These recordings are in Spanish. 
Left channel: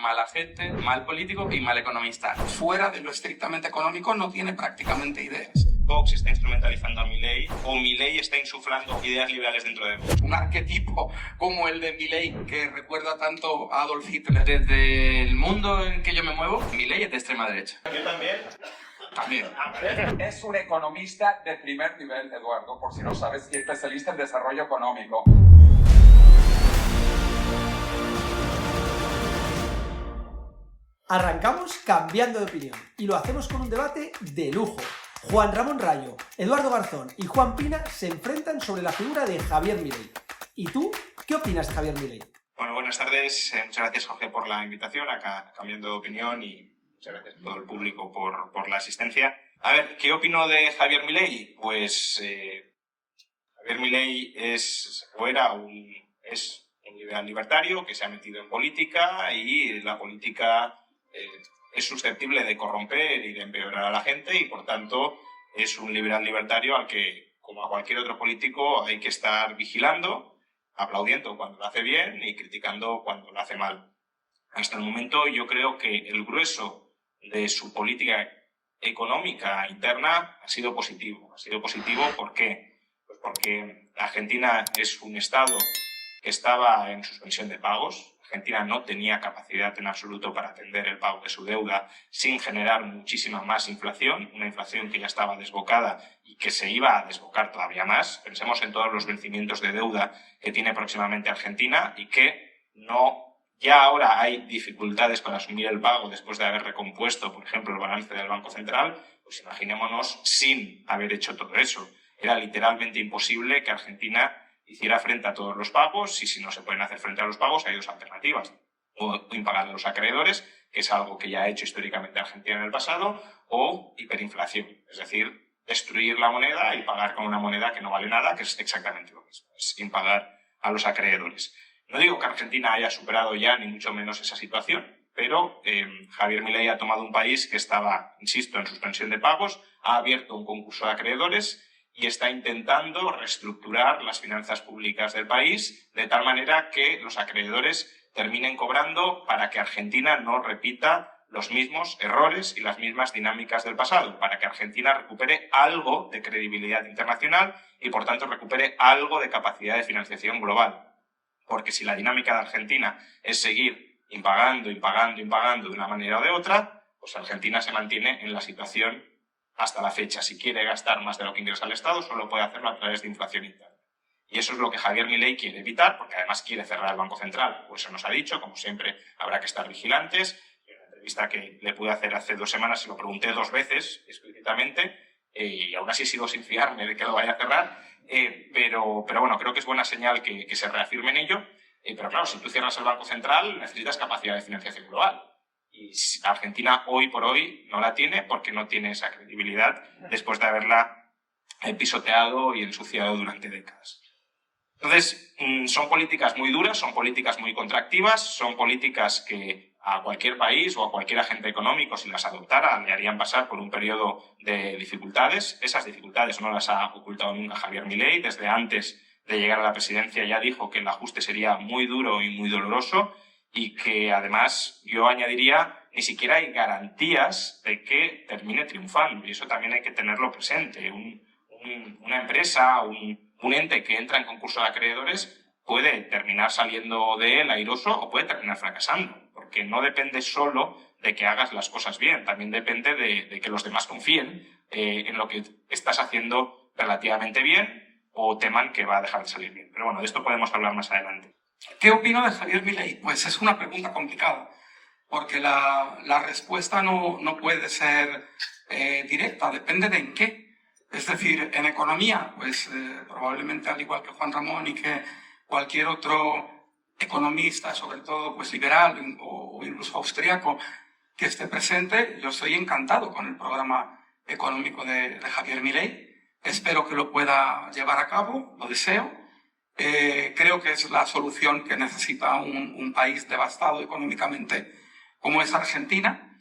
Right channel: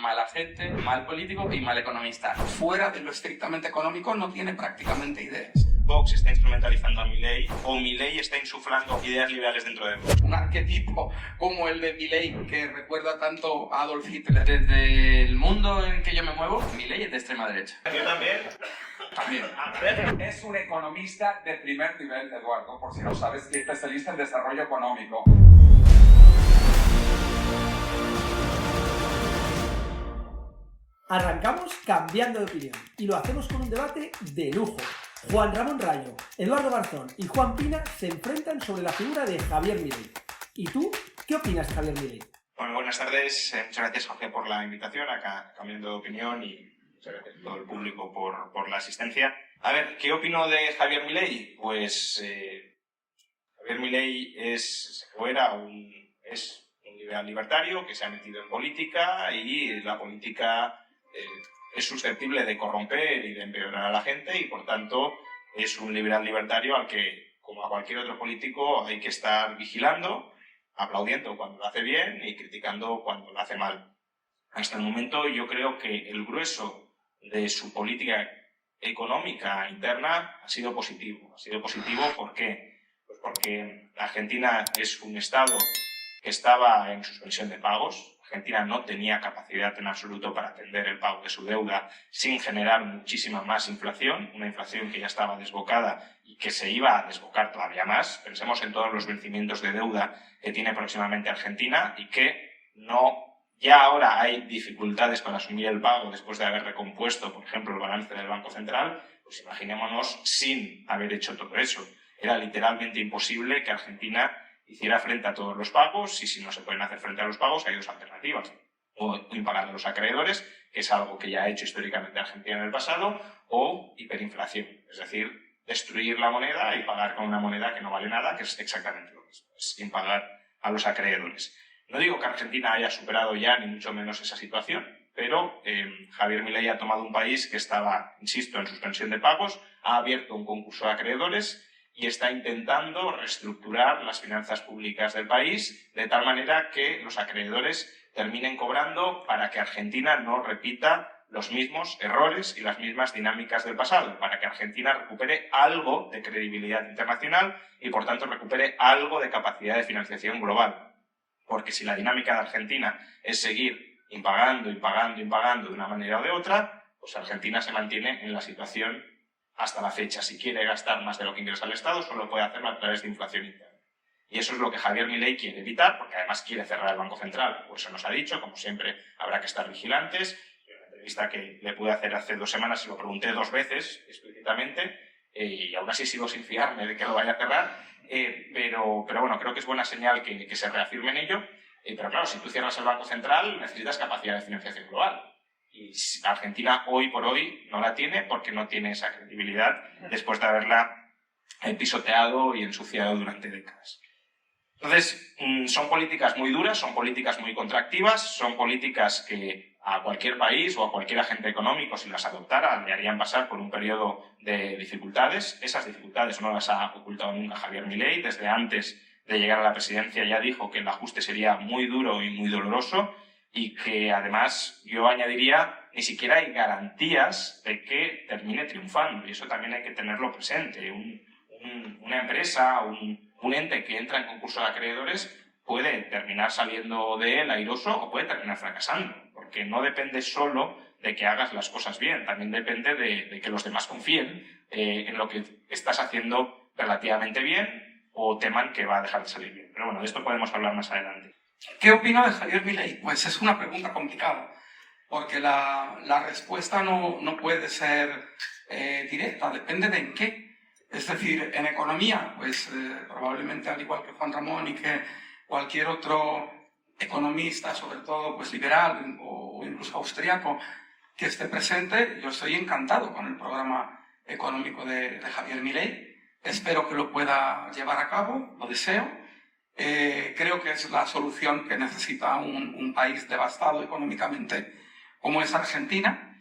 mala gente, mal político y mal economista. Fuera de lo estrictamente económico no tiene prácticamente ideas. Vox está instrumentalizando a Milei o Milei está insuflando ideas liberales dentro de Vox. Un arquetipo como el de Milei que recuerda tanto a Adolf Hitler. Desde el mundo en que yo me muevo, Milei es de extrema derecha. Yo también. Es un economista de primer nivel, Eduardo, por si no sabes, y especialista en desarrollo económico. Arrancamos cambiando de opinión y lo hacemos con un debate de lujo. Juan Ramón Rayo, Eduardo Garzón y Juan Pina se enfrentan sobre la figura de Javier Milei. ¿Y tú qué opinas de Javier Milei? Bueno, buenas tardes. Muchas gracias, Jorge, por la invitación acá cambiando de opinión y muchas gracias a todo el público por la asistencia. A ver, ¿qué opino de Javier Milei? Pues Javier Milei es un liberal libertario que se ha metido en política y la política es susceptible de corromper y de empeorar a la gente y, por tanto, es un liberal libertario al que, como a cualquier otro político, hay que estar vigilando, aplaudiendo cuando lo hace bien y criticando cuando lo hace mal. Hasta el momento yo creo que el grueso de su política económica interna ha sido positivo. Ha sido positivo ¿por qué? Pues porque Argentina es un Estado que estaba en suspensión de pagos. Argentina no tenía capacidad en absoluto para atender el pago de su deuda sin generar muchísima más inflación, una inflación que ya estaba desbocada y que se iba a desbocar todavía más. Pensemos en todos los vencimientos de deuda que tiene próximamente Argentina y que ya ahora hay dificultades para asumir el pago después de haber recompuesto, por ejemplo, el balance del Banco Central. Pues imaginémonos sin haber hecho todo eso. Era literalmente imposible que Argentina hiciera frente a todos los pagos y si no se pueden hacer frente a los pagos hay dos alternativas. O impagar a los acreedores, que es algo que ya ha hecho históricamente Argentina en el pasado, o hiperinflación, es decir, destruir la moneda y pagar con una moneda que no vale nada, que es exactamente lo mismo, es impagar a los acreedores. No digo que Argentina haya superado ya ni mucho menos esa situación, pero Javier Milei ha tomado un país que estaba, insisto, en suspensión de pagos, ha abierto un concurso de acreedores y está intentando reestructurar las finanzas públicas del país de tal manera que los acreedores terminen cobrando para que Argentina no repita los mismos errores y las mismas dinámicas del pasado, para que Argentina recupere algo de credibilidad internacional y, por tanto, recupere algo de capacidad de financiación global. Porque si la dinámica de Argentina es seguir impagando de una manera o de otra, pues Argentina se mantiene en la situación hasta la fecha. Si quiere gastar más de lo que ingresa el Estado, solo puede hacerlo a través de inflación interna. Y eso es lo que Javier Milei quiere evitar, porque además quiere cerrar el Banco Central. Pues se nos ha dicho, como siempre, habrá que estar vigilantes. En una entrevista que le pude hacer hace 2 semanas, se lo pregunté 2 veces explícitamente, y aún así sigo sin fiarme de que lo vaya a cerrar. Pero bueno, creo que es buena señal que se reafirme en ello. Pero claro, si tú cierras el Banco Central, necesitas capacidad de financiación global. Y Argentina hoy por hoy no la tiene porque no tiene esa credibilidad después de haberla pisoteado y ensuciado durante décadas. Entonces, son políticas muy duras, son políticas muy contractivas, son políticas que a cualquier país o a cualquier agente económico, si las adoptara, le harían pasar por un periodo de dificultades. Esas dificultades no las ha ocultado nunca Javier Milei. Desde antes de llegar a la presidencia ya dijo que el ajuste sería muy duro y muy doloroso y que además yo añadiría ni siquiera hay garantías de que termine triunfando y eso también hay que tenerlo presente. Una empresa, un ente que entra en concurso de acreedores puede terminar saliendo de él airoso o puede terminar fracasando, porque no depende solo de que hagas las cosas bien, también depende de que los demás confíen en lo que estás haciendo relativamente bien o teman que va a dejar de salir bien. Pero bueno, de esto podemos hablar más adelante. ¿Qué opino de Javier Milei? Pues es una pregunta complicada, porque la respuesta no puede ser directa, depende de en qué. Es decir, en economía, pues probablemente al igual que Juan Ramón y que cualquier otro economista, sobre todo pues liberal o incluso austríaco que esté presente, yo estoy encantado con el programa económico de Javier Milei. Espero que lo pueda llevar a cabo, lo deseo. Creo que es la solución que necesita un país devastado económicamente como es Argentina.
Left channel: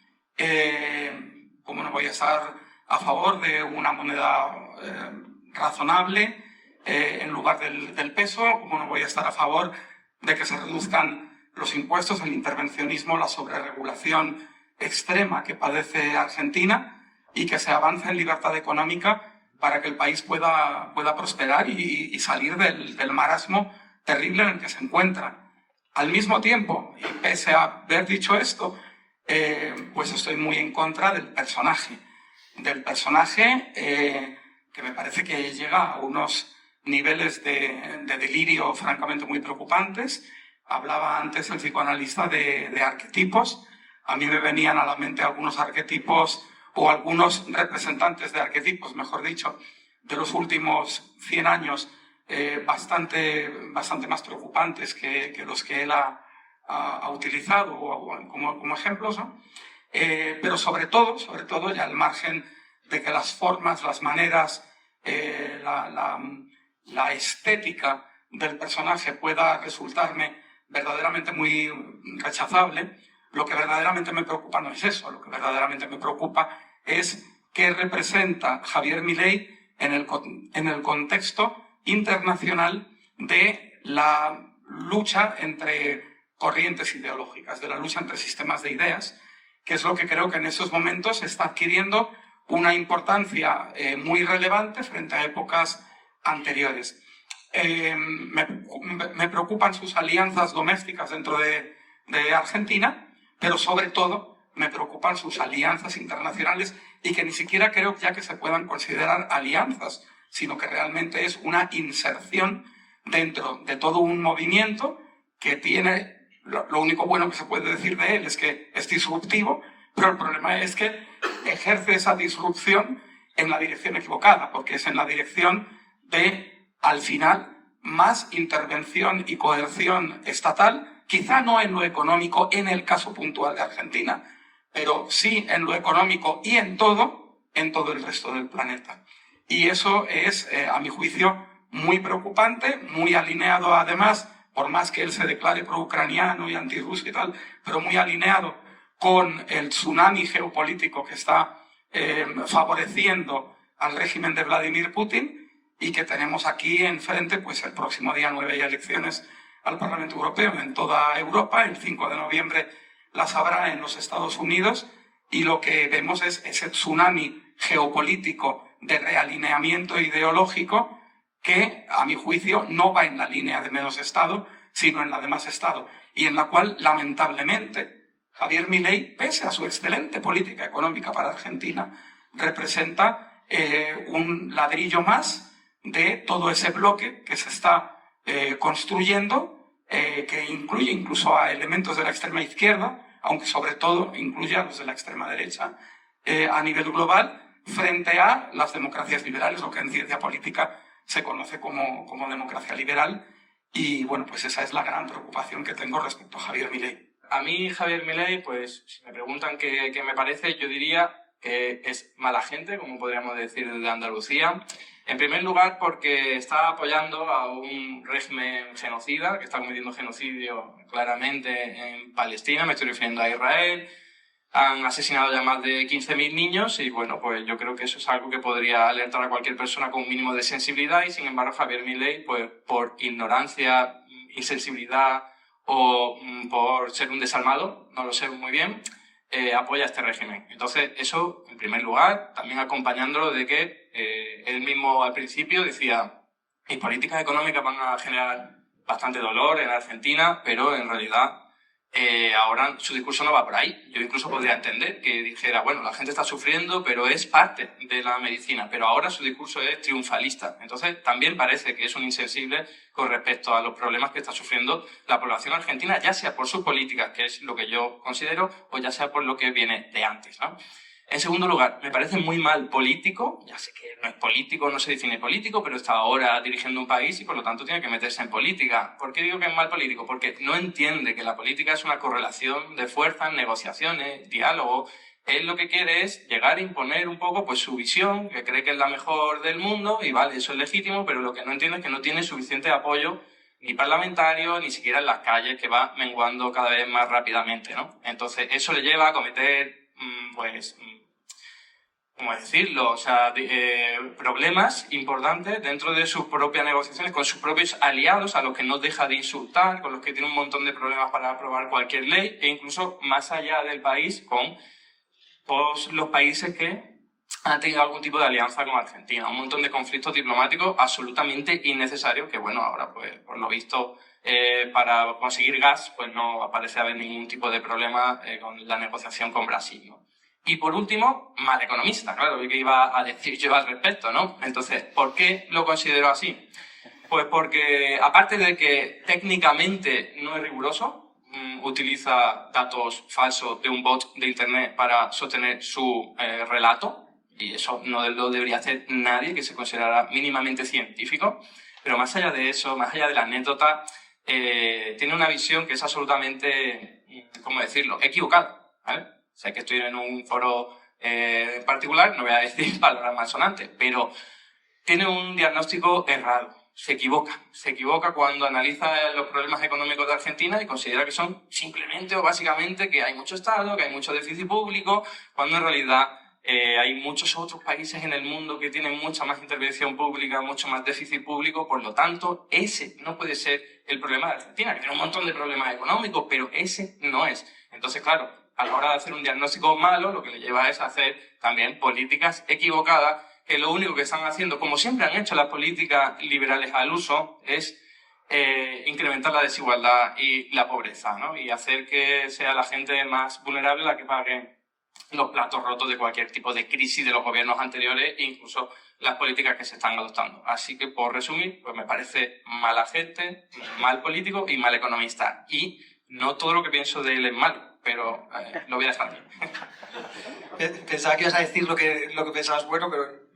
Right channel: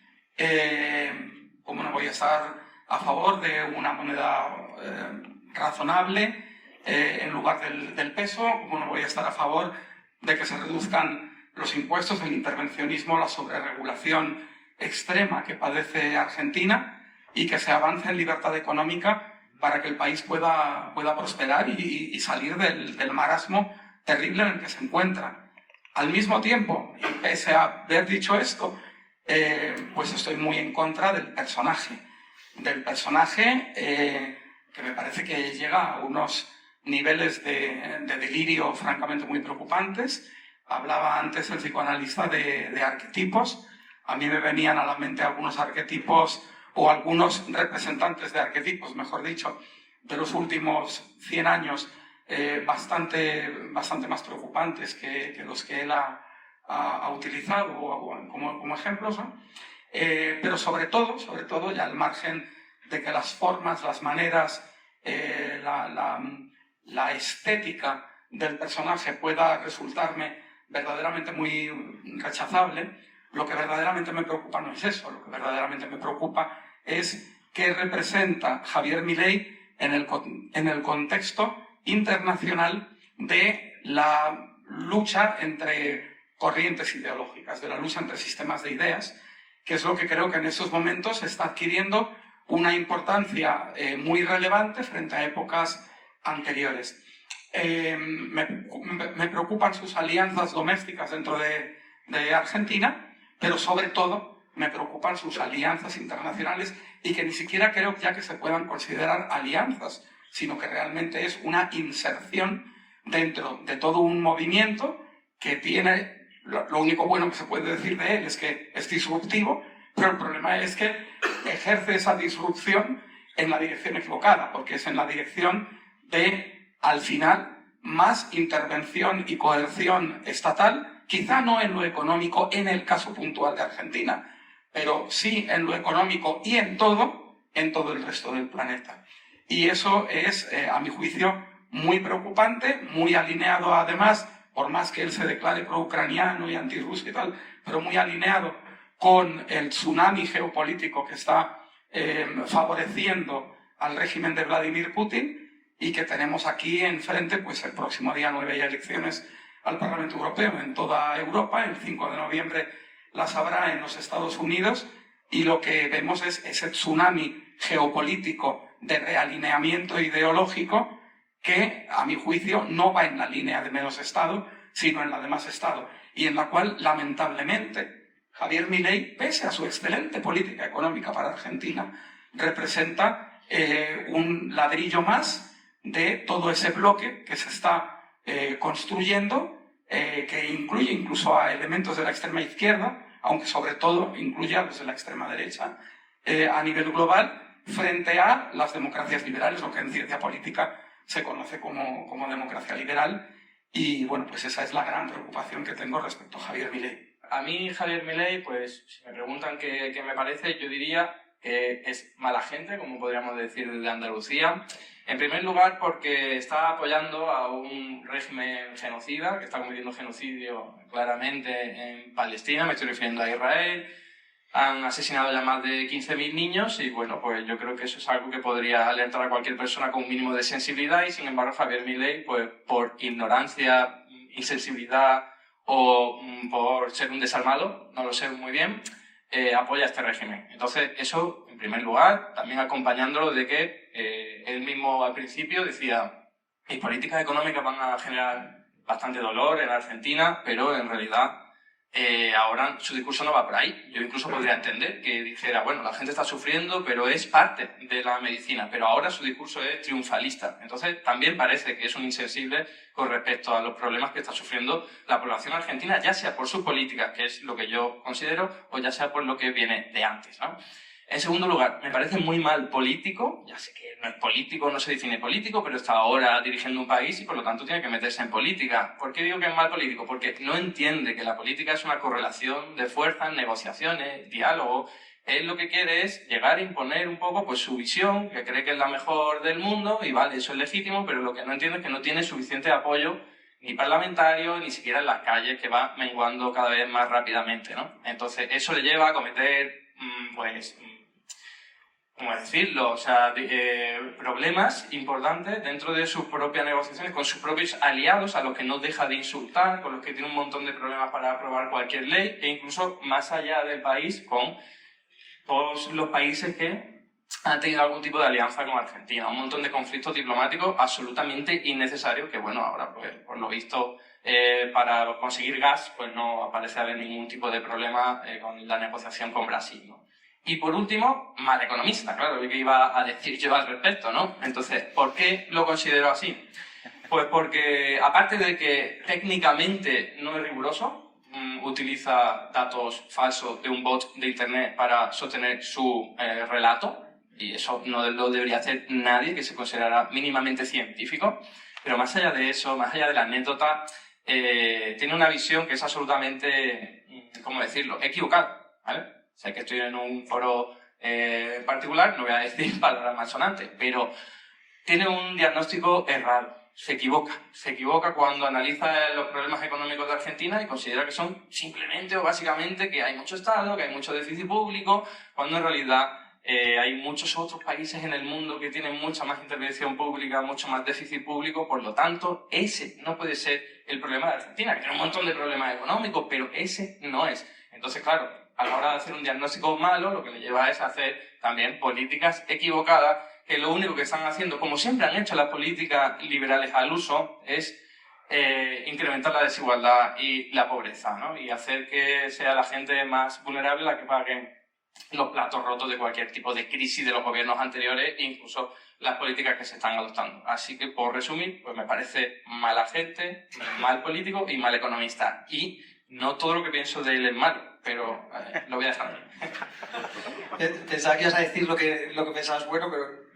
¿Cómo no voy a estar a favor de una moneda razonable en lugar del peso? ¿Cómo no voy a estar a favor de que se reduzcan los impuestos, el intervencionismo, la sobreregulación extrema que padece Argentina y que se avance en libertad económica para que el país pueda prosperar y salir del marasmo terrible en el que se encuentra. Al mismo tiempo, y pese a haber dicho esto, pues estoy muy en contra del personaje que me parece que llega a unos niveles de delirio francamente muy preocupantes. Hablaba antes el psicoanalista de arquetipos. A mí me venían a la mente algunos arquetipos o algunos representantes de arquetipos, mejor dicho, de los últimos 100 años, bastante más preocupantes que los que él ha utilizado como ejemplos, ¿no? Pero sobre todo, ya al margen de que las formas, las maneras, la estética del personaje pueda resultarme verdaderamente muy rechazable, lo que verdaderamente me preocupa no es eso. Lo que verdaderamente me preocupa es qué representa Javier Milei en el contexto internacional de la lucha entre corrientes ideológicas, de la lucha entre sistemas de ideas, que es lo que creo que en estos momentos está adquiriendo una importancia muy relevante frente a épocas anteriores. Me preocupan sus alianzas domésticas dentro de Argentina, pero sobre todo me preocupan sus alianzas internacionales y que ni siquiera creo ya que se puedan considerar alianzas, sino que realmente es una inserción dentro de todo un movimiento que tiene, lo único bueno que se puede decir de él es que es disruptivo, pero el problema es que ejerce esa disrupción en la dirección equivocada, porque es en la dirección de, al final, más intervención y coerción estatal, quizá no en lo económico en el caso puntual de Argentina, pero sí en lo económico y en todo el resto del planeta. Y eso es, a mi juicio, muy preocupante, muy alineado además, por más que él se declare pro-ucraniano y antirruso y tal, pero muy alineado con el tsunami geopolítico que está favoreciendo al régimen de Vladimir Putin y que tenemos aquí enfrente, pues el próximo día 9 hay elecciones al Parlamento Europeo en toda Europa, el 5 de noviembre las habrá en los Estados Unidos y lo que vemos es ese tsunami geopolítico de realineamiento ideológico que, a mi juicio, no va en la línea de menos Estado, sino en la de más Estado, y en la cual, lamentablemente, Javier Milei, pese a su excelente política económica para Argentina, representa un ladrillo más de todo ese bloque que se está construyendo, que incluye incluso a elementos de la extrema izquierda, aunque sobre todo incluye a los de la extrema derecha a nivel global, frente a las democracias liberales, lo que en ciencia política se conoce como democracia liberal. Y bueno, pues esa es la gran preocupación que tengo respecto a Javier Milei. A mí, Javier Milei, pues si me preguntan qué me parece, yo diría que es mala gente, como podríamos decir desde Andalucía. En primer lugar, porque está apoyando a un régimen genocida, que está cometiendo genocidio claramente en Palestina, me estoy refiriendo a Israel. Han asesinado ya más de 15.000 niños y bueno, pues yo creo que eso es algo que podría alertar a cualquier persona con un mínimo de sensibilidad y sin embargo Javier Milei, pues por ignorancia, insensibilidad o por ser un desalmado, no lo sé muy bien, apoya este régimen. Entonces eso, en primer lugar, también acompañándolo de que él mismo al principio decía mis políticas económicas van a generar bastante dolor en Argentina, pero en realidad ahora su discurso no va por ahí. Yo incluso podría entender que dijera, bueno, la gente está sufriendo, pero es parte de la medicina, pero ahora su discurso es triunfalista. Entonces también parece que es un insensible con respecto a los problemas que está sufriendo la población argentina, ya sea por sus políticas, que es lo que yo considero, o ya sea por lo que viene de antes, ¿no? En segundo lugar, me parece muy mal político, ya sé que no es político, no se define político, pero está ahora dirigiendo un país y por lo tanto tiene que meterse en política. ¿Por qué digo que es mal político? Porque no entiende que la política es una correlación de fuerzas, negociaciones, diálogo. Él lo que quiere es llegar a imponer un poco pues, su visión, que cree que es la mejor del mundo, y vale, eso es legítimo, pero lo que no entiende es que no tiene suficiente apoyo ni parlamentario, ni siquiera en las calles, que va menguando cada vez más rápidamente, ¿no? Entonces, eso le lleva a cometer, ¿cómo decirlo? O sea, problemas importantes dentro de sus propias negociaciones, con sus propios aliados, a los que no deja de insultar, con los que tiene un montón de problemas para aprobar cualquier ley, e incluso más allá del país, con todos los países que han tenido algún tipo de alianza con Argentina. Un montón de conflictos diplomáticos absolutamente innecesarios, que bueno, ahora pues por lo visto para conseguir gas pues no parece haber ningún tipo de problema con la negociación con Brasil, ¿no? Y por último, mal economista, claro, ¿qué iba a decir yo al respecto, no? Entonces, ¿por qué lo considero así? Pues porque, aparte de que técnicamente no es riguroso, utiliza datos falsos de un bot de internet para sostener su relato, y eso no lo debería hacer nadie que se considerara mínimamente científico, pero más allá de eso, más allá de la anécdota, tiene una visión que es absolutamente, ¿cómo decirlo?, equivocada, ¿vale? Sé que estoy en un foro en particular, no voy a decir palabras malsonantes, pero tiene un diagnóstico errado. Se equivoca cuando analiza los problemas económicos de Argentina y considera que son simplemente o básicamente que hay mucho Estado, que hay mucho déficit público, cuando en realidad hay muchos otros países en el mundo que tienen mucha más intervención pública, mucho más déficit público, por lo tanto, ese no puede ser el problema de Argentina, que tiene un montón de problemas económicos, pero ese no es. Entonces, claro, a la hora de hacer un diagnóstico malo, lo que le lleva es a hacer también políticas equivocadas, que lo único que están haciendo, como siempre han hecho las políticas liberales al uso, es incrementar la desigualdad y la pobreza, ¿no? Y hacer que sea la gente más vulnerable la que pague los platos rotos de cualquier tipo de crisis de los gobiernos anteriores e incluso las políticas que se están adoptando. Así que, por resumir, pues me parece mala gente, mal político y mal economista. Y no todo lo que pienso de él es malo, pero lo voy a dejar aquí. Pensaba que ibas a decir lo que pensabas bueno, pero...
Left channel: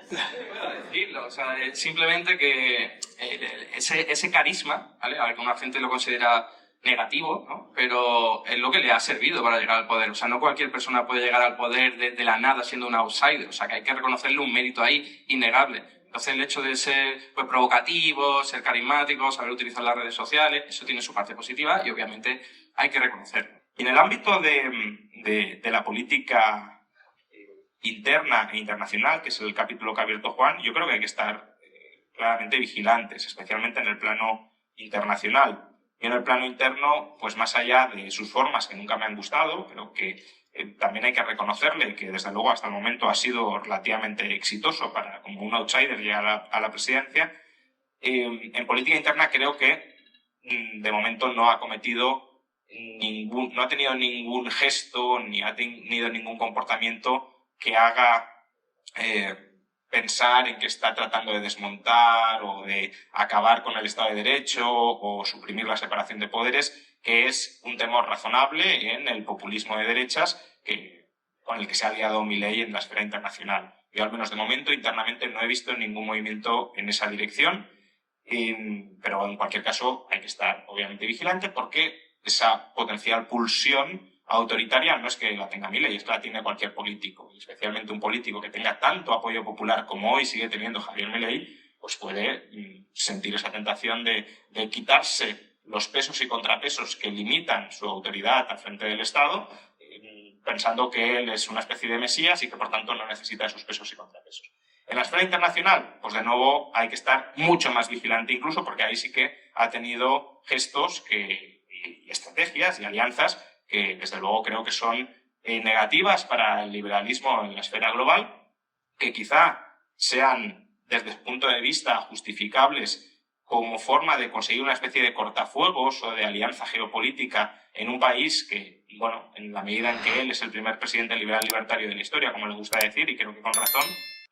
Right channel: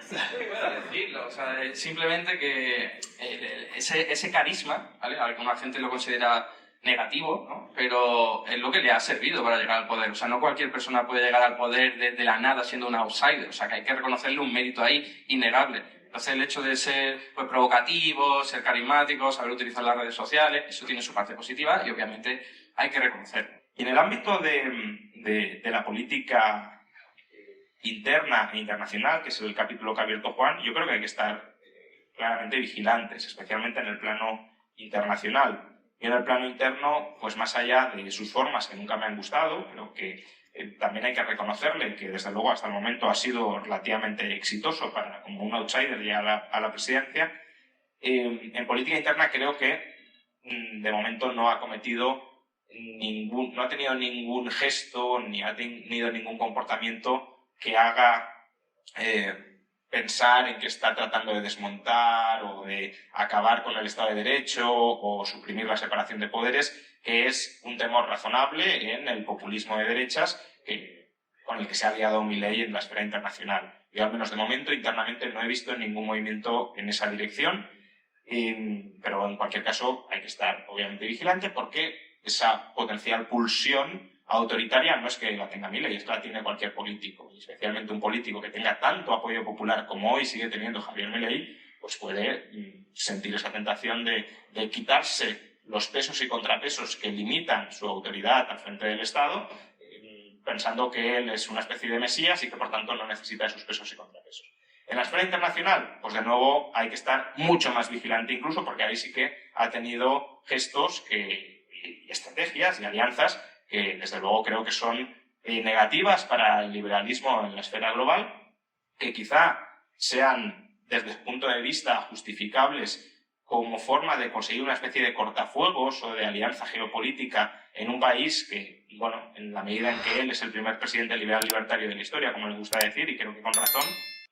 Sí, voy a decirlo. O sea, simplemente que ese carisma, ¿vale? Alguna gente lo considera negativo, ¿no? Pero es lo que le ha servido para llegar al poder. O sea, no cualquier persona puede llegar al poder de la nada siendo un outsider. O sea, que hay que reconocerle un mérito ahí innegable. Entonces, el hecho de ser pues, provocativo, ser carismático, saber utilizar las redes sociales, eso tiene su parte positiva y obviamente hay que reconocerlo. Y en el ámbito de la política interna e internacional, que es el capítulo que ha abierto Juan, yo creo que hay que estar claramente vigilantes, especialmente en el plano internacional. Y en el plano interno, pues más allá de sus formas, que nunca me han gustado, pero que también hay que reconocerle que desde luego hasta el momento ha sido relativamente exitoso para como un outsider llegar a la presidencia, en política interna creo que de momento no ha cometido no ha tenido ningún gesto ni ha tenido ningún comportamiento que haga pensar en que está tratando de desmontar o de acabar con el Estado de Derecho o suprimir la separación de poderes, que es un temor razonable en el populismo de derechas con el que se ha aliado Milei en la esfera internacional. Yo, al menos de momento, internamente no he visto ningún movimiento en esa dirección, pero en cualquier caso hay que estar obviamente vigilante porque esa potencial pulsión autoritaria no es que la tenga Milei, es que la tiene cualquier político, y especialmente un político que tenga tanto apoyo popular como hoy sigue teniendo Javier Milei, pues puede sentir esa tentación de quitarse los pesos y contrapesos que limitan su autoridad al frente del Estado, pensando que él es una especie de mesías y que por tanto no necesita esos pesos y contrapesos. En la esfera internacional, pues de nuevo hay que estar mucho más vigilante incluso porque ahí sí que ha tenido gestos y estrategias y alianzas que desde luego creo que son negativas para el liberalismo en la esfera global, que quizá sean desde el punto de vista justificables como forma de conseguir una especie de cortafuegos o de alianza geopolítica en un país que, bueno, en la medida en que él es el primer presidente liberal libertario de la historia, como le gusta decir, y creo que con razón,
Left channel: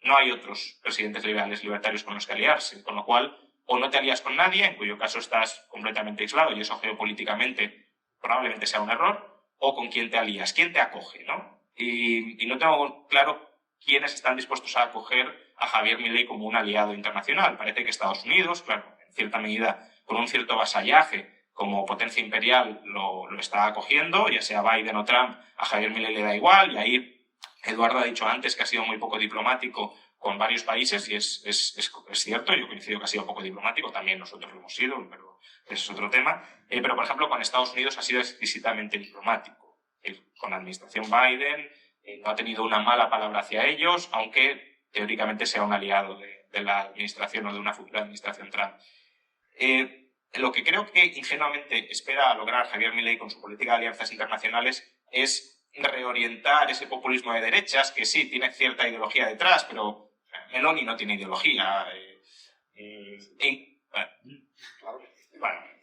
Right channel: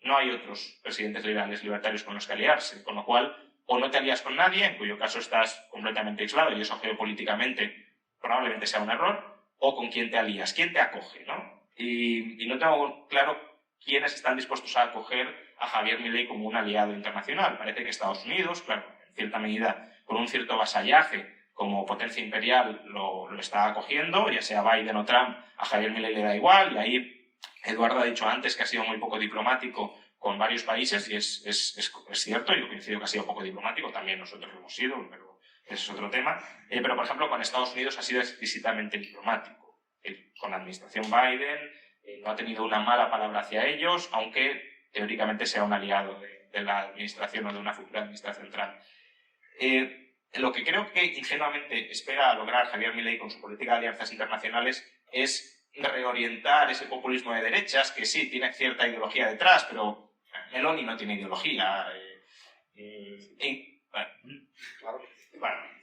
no hay otros presidentes liberales libertarios con los que aliarse, con lo cual o no te alías con nadie, en cuyo caso estás completamente aislado y eso geopolíticamente probablemente sea un error, o con quién te alías, quién te acoge, ¿no? Y no tengo claro quiénes están dispuestos a acoger a Javier Milei como un aliado internacional. Parece que Estados Unidos, claro, en cierta medida, con un cierto vasallaje como potencia imperial lo está acogiendo, ya sea Biden o Trump, a Javier Milei le da igual, y ahí Eduardo ha dicho antes que ha sido muy poco diplomático con varios países, y es cierto, yo coincido que ha sido poco diplomático, también nosotros lo hemos sido, pero ese es otro tema. Pero, por ejemplo, con Estados Unidos ha sido exquisitamente diplomático. Con la administración Biden no ha tenido una mala palabra hacia ellos, aunque teóricamente sea un aliado de la administración o de una futura administración Trump. Lo que creo que ingenuamente espera lograr Javier Milei con su política de alianzas internacionales es reorientar ese populismo de derechas, que sí, tiene cierta ideología detrás, pero Meloni no tiene ideología.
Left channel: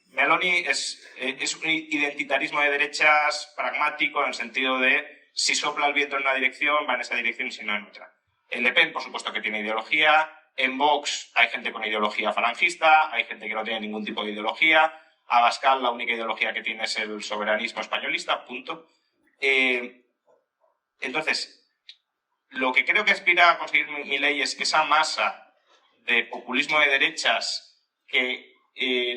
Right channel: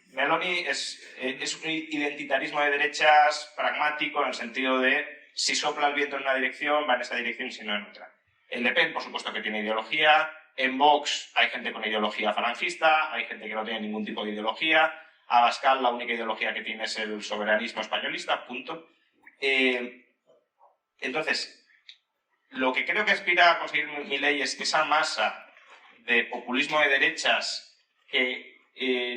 Meloni es un identitarismo de derechas pragmático en el sentido de si sopla el viento en una dirección, va en esa dirección y si no en otra. En Le Pen, por supuesto que tiene ideología. En Vox hay gente con ideología falangista, hay gente que no tiene ningún tipo de ideología. Abascal, la única ideología que tiene es el soberanismo españolista, punto. Entonces, lo que creo que aspira a conseguir Milei es que esa masa de populismo de derechas que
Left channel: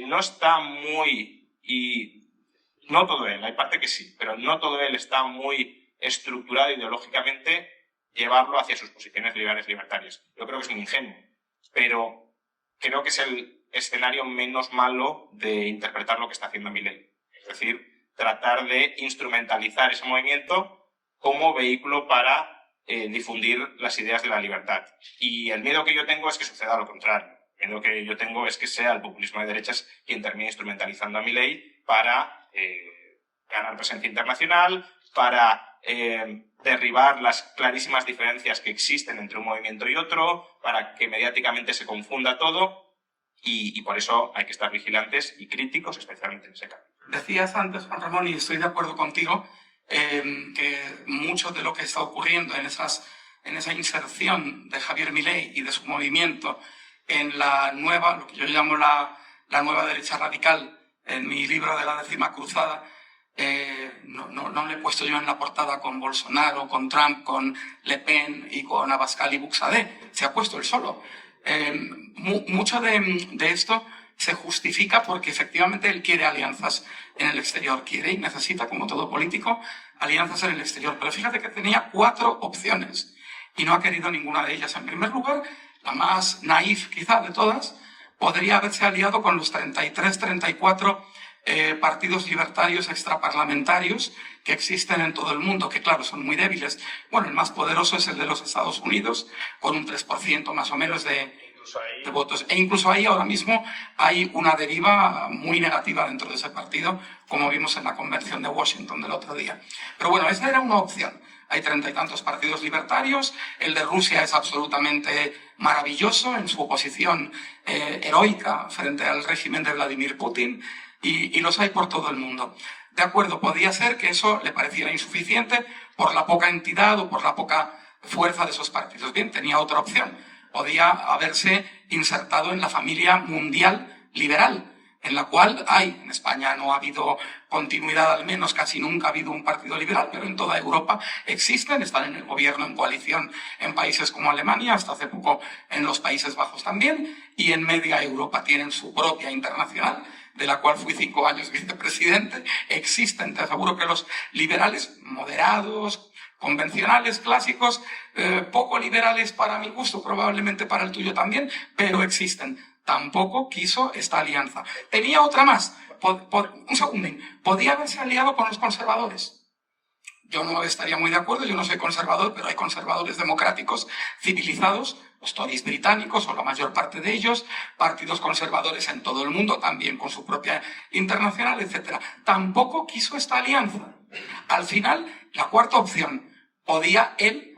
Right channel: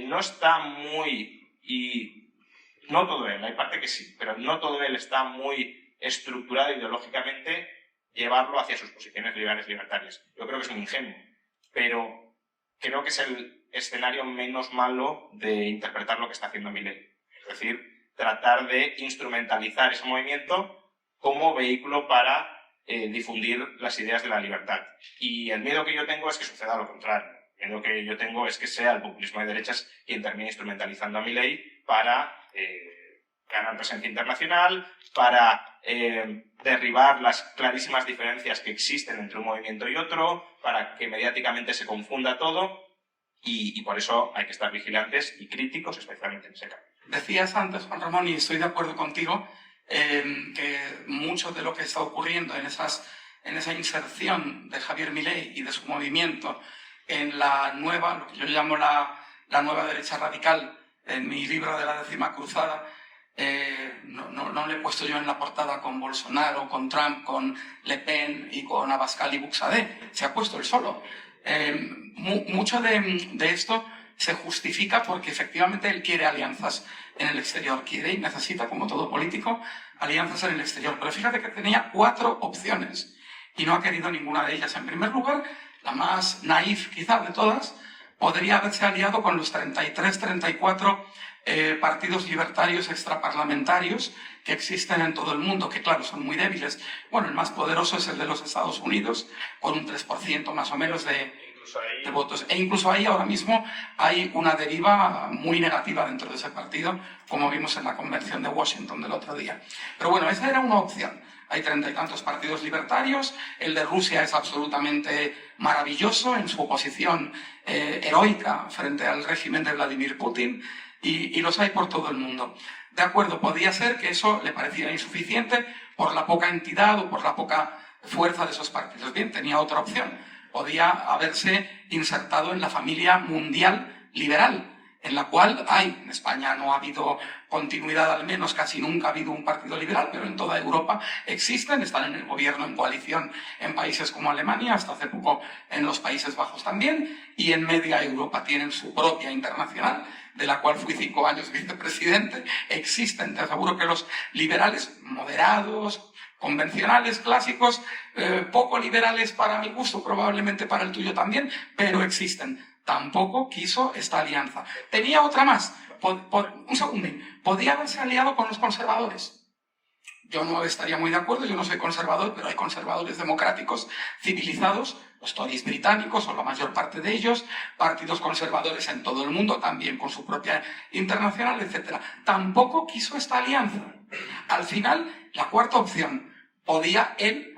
no está muy, y no todo él, hay parte que sí, pero no todo él está muy estructurado ideológicamente, llevarlo hacia sus posiciones liberales libertarias. Yo creo que es muy ingenuo, pero creo que es el escenario menos malo de interpretar lo que está haciendo Milei. Es decir, tratar de instrumentalizar ese movimiento como vehículo para difundir las ideas de la libertad. Y el miedo que yo tengo es que suceda lo contrario. El miedo que yo tengo es que sea el populismo de derechas quien termine instrumentalizando a Milei para ganar presencia internacional, para derribar las clarísimas diferencias que existen entre un movimiento y otro, para que mediáticamente se confunda todo, y por eso hay que estar vigilantes y críticos, especialmente en ese campo. Decías antes, Juan Ramón, y estoy de acuerdo contigo, que mucho de lo que está ocurriendo en esa inserción de Javier Milei y de su movimiento en la nueva, lo que yo llamo la nueva derecha radical, en mi libro de la 10ª cruzada, no le he puesto yo en la portada con Bolsonaro, con Trump, con Le Pen y con Abascal y Buxadé, se ha puesto él solo. Mucho de esto se justifica porque efectivamente él quiere alianzas en el exterior, quiere y necesita, como todo político, alianzas en el exterior. Pero fíjate que tenía 4 opciones y no ha querido ninguna de ellas. En primer lugar, la más naif quizá de todas, podría haberse aliado con los 33, 34 partidos libertarios extraparlamentarios que existen en todo el mundo, que claro, son muy débiles. Bueno, el más poderoso es el de los Estados Unidos, con un 3% más o menos de votos. E incluso ahí ahora mismo hay una deriva muy negativa dentro de ese partido, como vimos en la convención de Washington del otro día. Pero bueno, esa era una opción. Hay 30 y tantos partidos libertarios, el de Rusia es absolutamente maravilloso en su oposición heroica frente al régimen de Vladimir Putin, y los hay por todo el mundo. De acuerdo, podía ser que eso le pareciera insuficiente por la poca entidad o por la poca fuerza de esos partidos. Bien, tenía otra opción. Podía haberse insertado en la familia mundial liberal, en la cual hay, en España no ha habido continuidad, al menos casi nunca ha habido un partido liberal, pero en toda Europa existen, están en el gobierno en coalición en países como Alemania, hasta hace poco en los Países Bajos también, y en media Europa tienen su propia internacional, de la cual fui 5 años vicepresidente. Existen, te aseguro que los liberales moderados, convencionales, clásicos, poco liberales para mi gusto, probablemente para el tuyo también, pero existen. Tampoco quiso esta alianza. Tenía otra más. Un segundín. Podía haberse aliado con los conservadores. Yo no estaría muy de acuerdo, yo no soy conservador, pero hay conservadores democráticos civilizados, los Tories británicos o la mayor parte de ellos, partidos conservadores en todo el mundo, también con su propia internacional, etc. Tampoco quiso esta alianza. Al final, la cuarta opción, podía él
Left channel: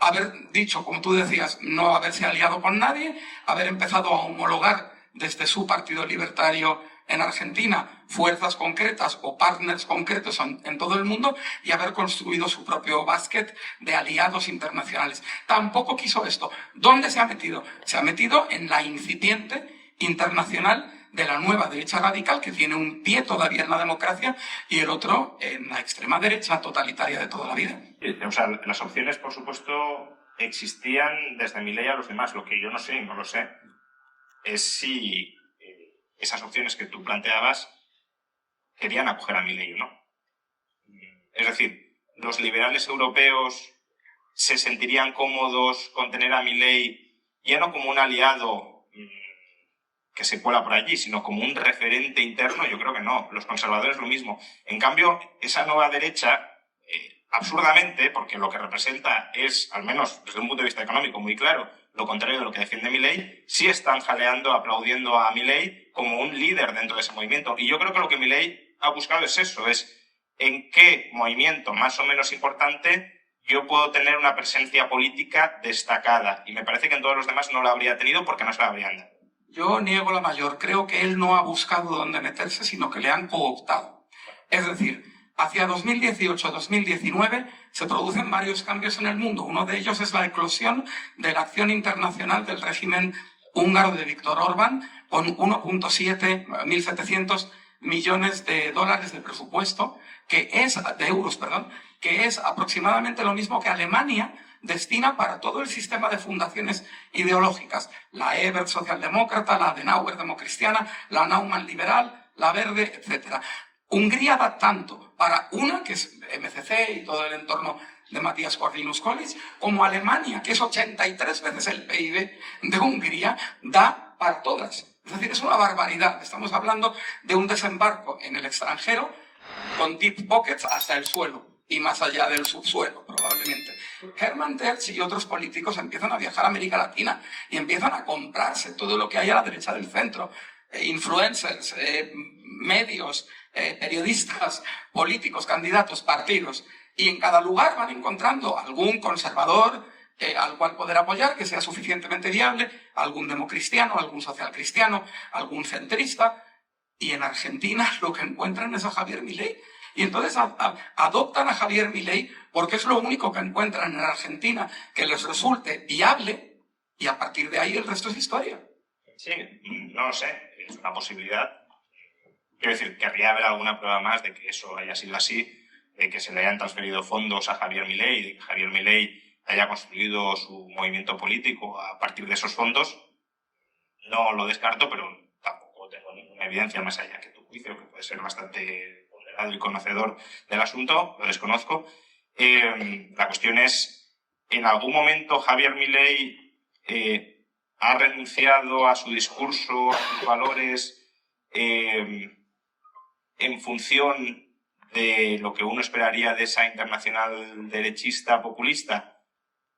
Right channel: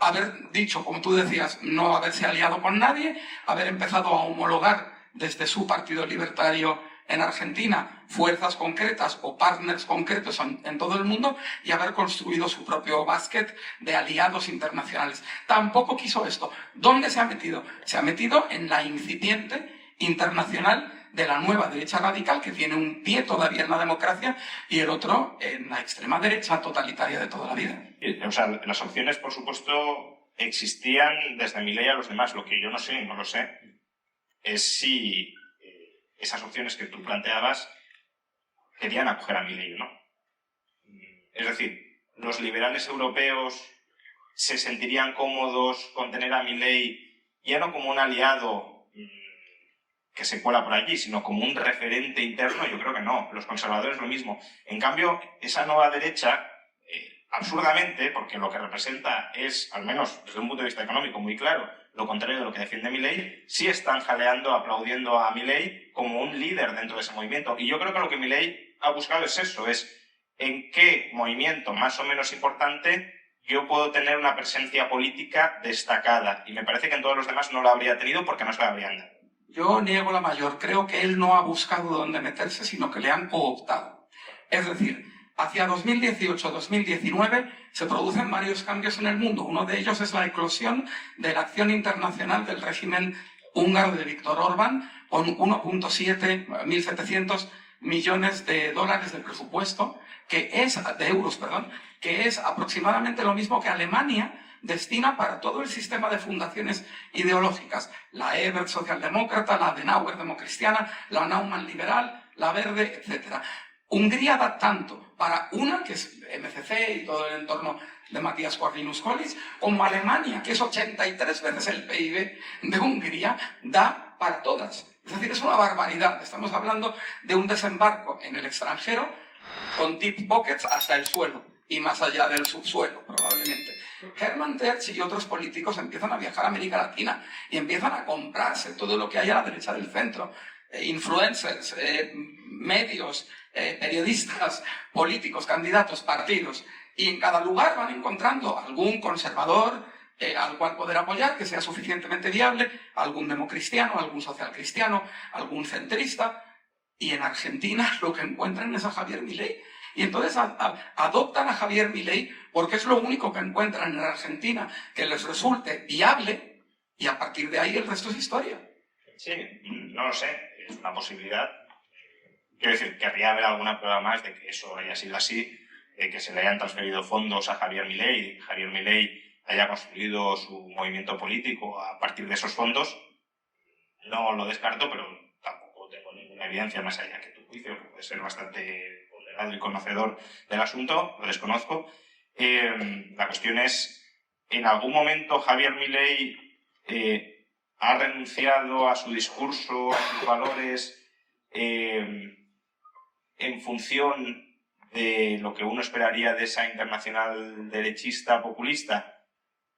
haber dicho, como tú decías, no haberse aliado con nadie, haber empezado a homologar desde su partido libertario en Argentina fuerzas concretas o partners concretos en todo el mundo y haber construido su propio básquet de aliados internacionales. Tampoco quiso esto. ¿Dónde se ha metido? Se ha metido en la incipiente internacional de la nueva derecha radical, que tiene un pie todavía en la democracia y el otro en la extrema derecha totalitaria de toda la vida. O sea, las opciones, por supuesto, existían desde Milei a los demás. Lo que yo no sé, y no lo sé, es si esas opciones que tú planteabas querían acoger a Milei o no. Es decir, los liberales europeos se sentirían cómodos con tener a Milei ya no como un aliado que se cuela por allí, sino como un referente interno. Yo creo que no. Los conservadores lo mismo. En cambio, esa nueva derecha, absurdamente, porque lo que representa es, al menos desde un punto de vista económico muy claro, lo contrario de lo que defiende Milei, sí están jaleando, aplaudiendo a Milei como un líder dentro de ese movimiento. Y yo creo que lo que Milei ha buscado es eso, es en qué movimiento más o menos importante yo puedo tener una presencia política destacada. Y me parece que en todos los demás no la habría tenido porque no se la habrían dado. Yo niego la mayor. Creo que él no ha buscado dónde meterse, sino que le han cooptado. Es decir, hacia 2018-2019 se producen varios cambios en el mundo. Uno de ellos es la eclosión de la acción internacional del régimen húngaro de Viktor Orbán, con 1.700 millones de dólares de presupuesto, de euros, que es aproximadamente lo mismo que Alemania destina para todo el sistema de fundaciones ideológicas. La Ebert socialdemócrata, la Adenauer democristiana, la Naumann liberal, la Verde, etc. Hungría da tanto para una, que es MCC y todo el entorno de Matías Corvinus-Collis, como Alemania, que es 83 veces el PIB de Hungría, da para todas. Es decir, es una barbaridad. Estamos hablando de un desembarco en el extranjero con deep pockets hasta el suelo y más allá del subsuelo, probablemente. Hermann Tertsch y otros políticos empiezan a viajar a América Latina y empiezan a comprarse todo lo que hay a la derecha del centro. Influencers, medios, periodistas, políticos, candidatos, partidos. Y en cada lugar van encontrando algún conservador al cual poder apoyar, que sea suficientemente viable, algún democristiano, algún socialcristiano, algún centrista. Y en Argentina lo que encuentran es a Javier Milei. Y entonces adoptan a Javier Milei porque es lo único que encuentran en Argentina que les resulte viable, y a partir de ahí el resto es historia. Sí, no lo sé, es una posibilidad. Quiero decir, querría haber alguna prueba más de que eso haya sido así, de que se le hayan transferido fondos a Javier Milei, de que Javier Milei haya construido su movimiento político a partir de esos fondos. No lo descarto, pero tampoco tengo ninguna evidencia más allá que tu juicio, que puede ser bastante ponderado y conocedor del asunto, lo desconozco. La cuestión es, ¿en algún momento Javier Milei ha renunciado a su discurso, a sus valores, en función de lo que uno esperaría de esa internacional derechista populista?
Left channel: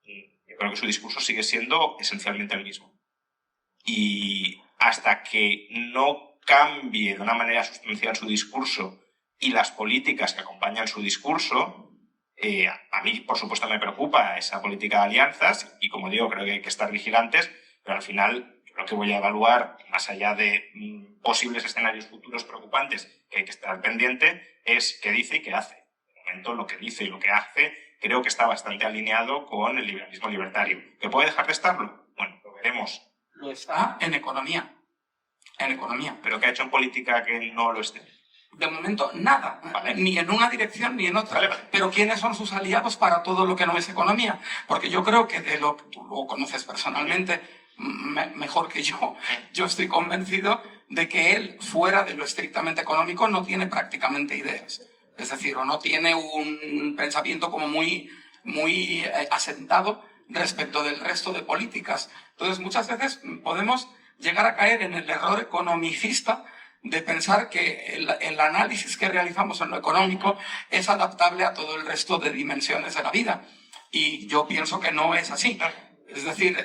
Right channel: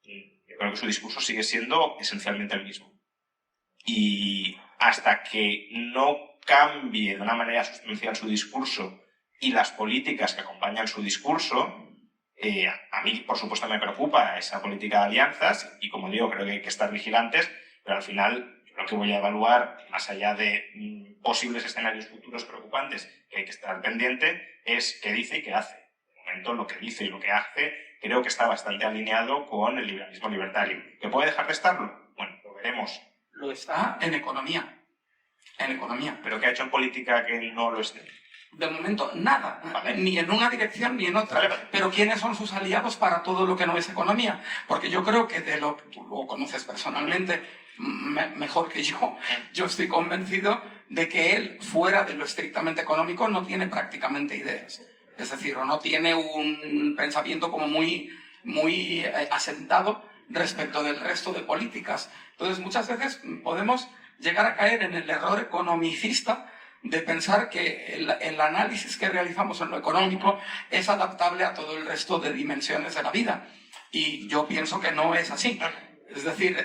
Yo creo que su discurso sigue siendo esencialmente el mismo. Y hasta que no cambie de una manera sustancial su discurso y las políticas que acompañan su discurso, a mí, por supuesto, me preocupa esa política de alianzas y, como digo, creo que hay que estar vigilantes, pero al final yo lo que voy a evaluar, más allá de posibles escenarios futuros preocupantes que hay que estar pendiente, es qué dice y qué hace. De momento, lo que dice y lo que hace creo que está bastante alineado con el liberalismo libertario. ¿Que puede dejar de estarlo? Bueno, lo veremos. Lo está en economía. En economía. ¿Pero qué ha hecho en política que no lo esté? De momento, nada. Vale. Ni en una dirección ni en otra. Vale. Pero ¿quiénes son sus aliados para todo lo que no es economía? Porque yo creo que tú lo conoces personalmente mejor que yo. Yo estoy convencido de que él, fuera de lo estrictamente económico, no tiene prácticamente ideas. Es decir, o no tiene un pensamiento como muy asentado respecto del resto de políticas. Entonces, muchas veces podemos llegar a caer en el error economicista de pensar que el análisis que realizamos en lo económico es adaptable a todo el resto de dimensiones de la vida. Y yo pienso que no es así. Es decir,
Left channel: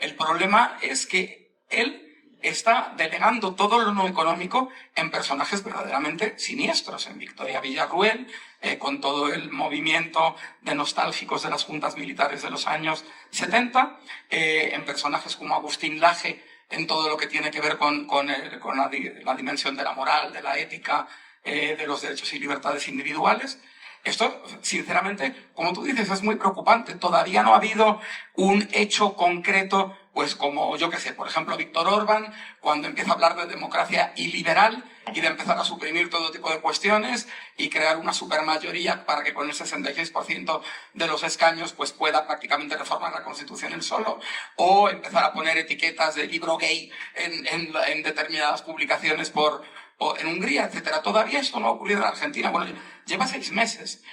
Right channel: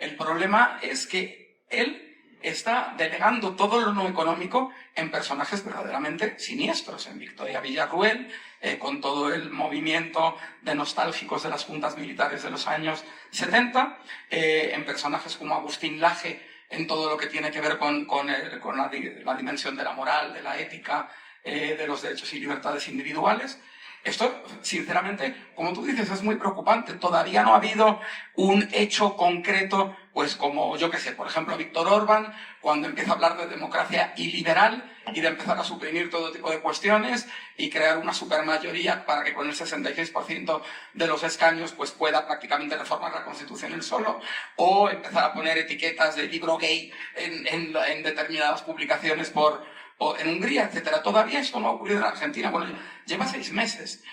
el problema es que él está delegando todo lo no económico en personajes verdaderamente siniestros. En Victoria Villarruel, con todo el movimiento de nostálgicos de las juntas militares de los años 70, en personajes como Agustín Laje, en todo lo que tiene que ver con la dimensión de la moral, de la ética, de los derechos y libertades individuales. Esto, sinceramente, como tú dices, es muy preocupante. Todavía no ha habido un hecho concreto, pues como, yo qué sé, por ejemplo, Viktor Orbán, cuando empieza a hablar de democracia iliberal y de empezar a suprimir todo tipo de cuestiones y crear una supermayoría para que con el 66% de los escaños pues pueda prácticamente reformar la Constitución él solo, o empezar a poner etiquetas de libro gay en determinadas publicaciones en Hungría, etcétera. Todavía esto no ha ocurrido en Argentina. Bueno, lleva 6 meses.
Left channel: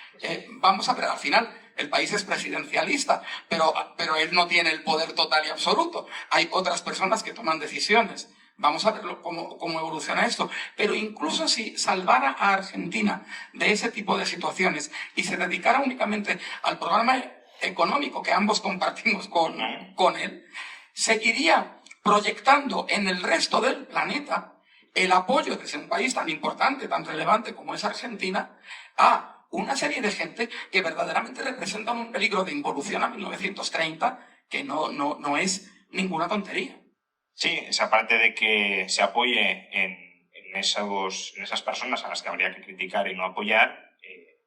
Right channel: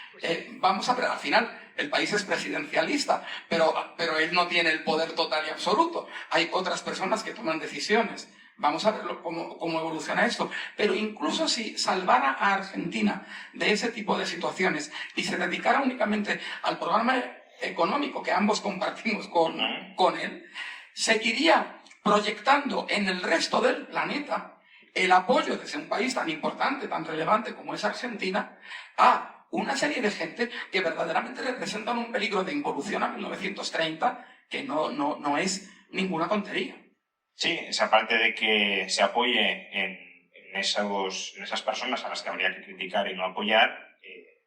Vamos a ver, al final el país es presidencialista, pero él no tiene el poder total y absoluto. Hay otras personas que toman decisiones. Vamos a ver cómo evoluciona esto. Pero incluso si salvara a Argentina de ese tipo de situaciones y se dedicara únicamente al programa económico que ambos compartimos con él, seguiría proyectando en el resto del planeta el apoyo desde un país tan importante, tan relevante como es Argentina, a una serie de gente que verdaderamente representan un peligro de involución a 1930 que no es ninguna tontería. Sí, esa parte de que se apoye en esas personas a las que habría que criticar y no apoyar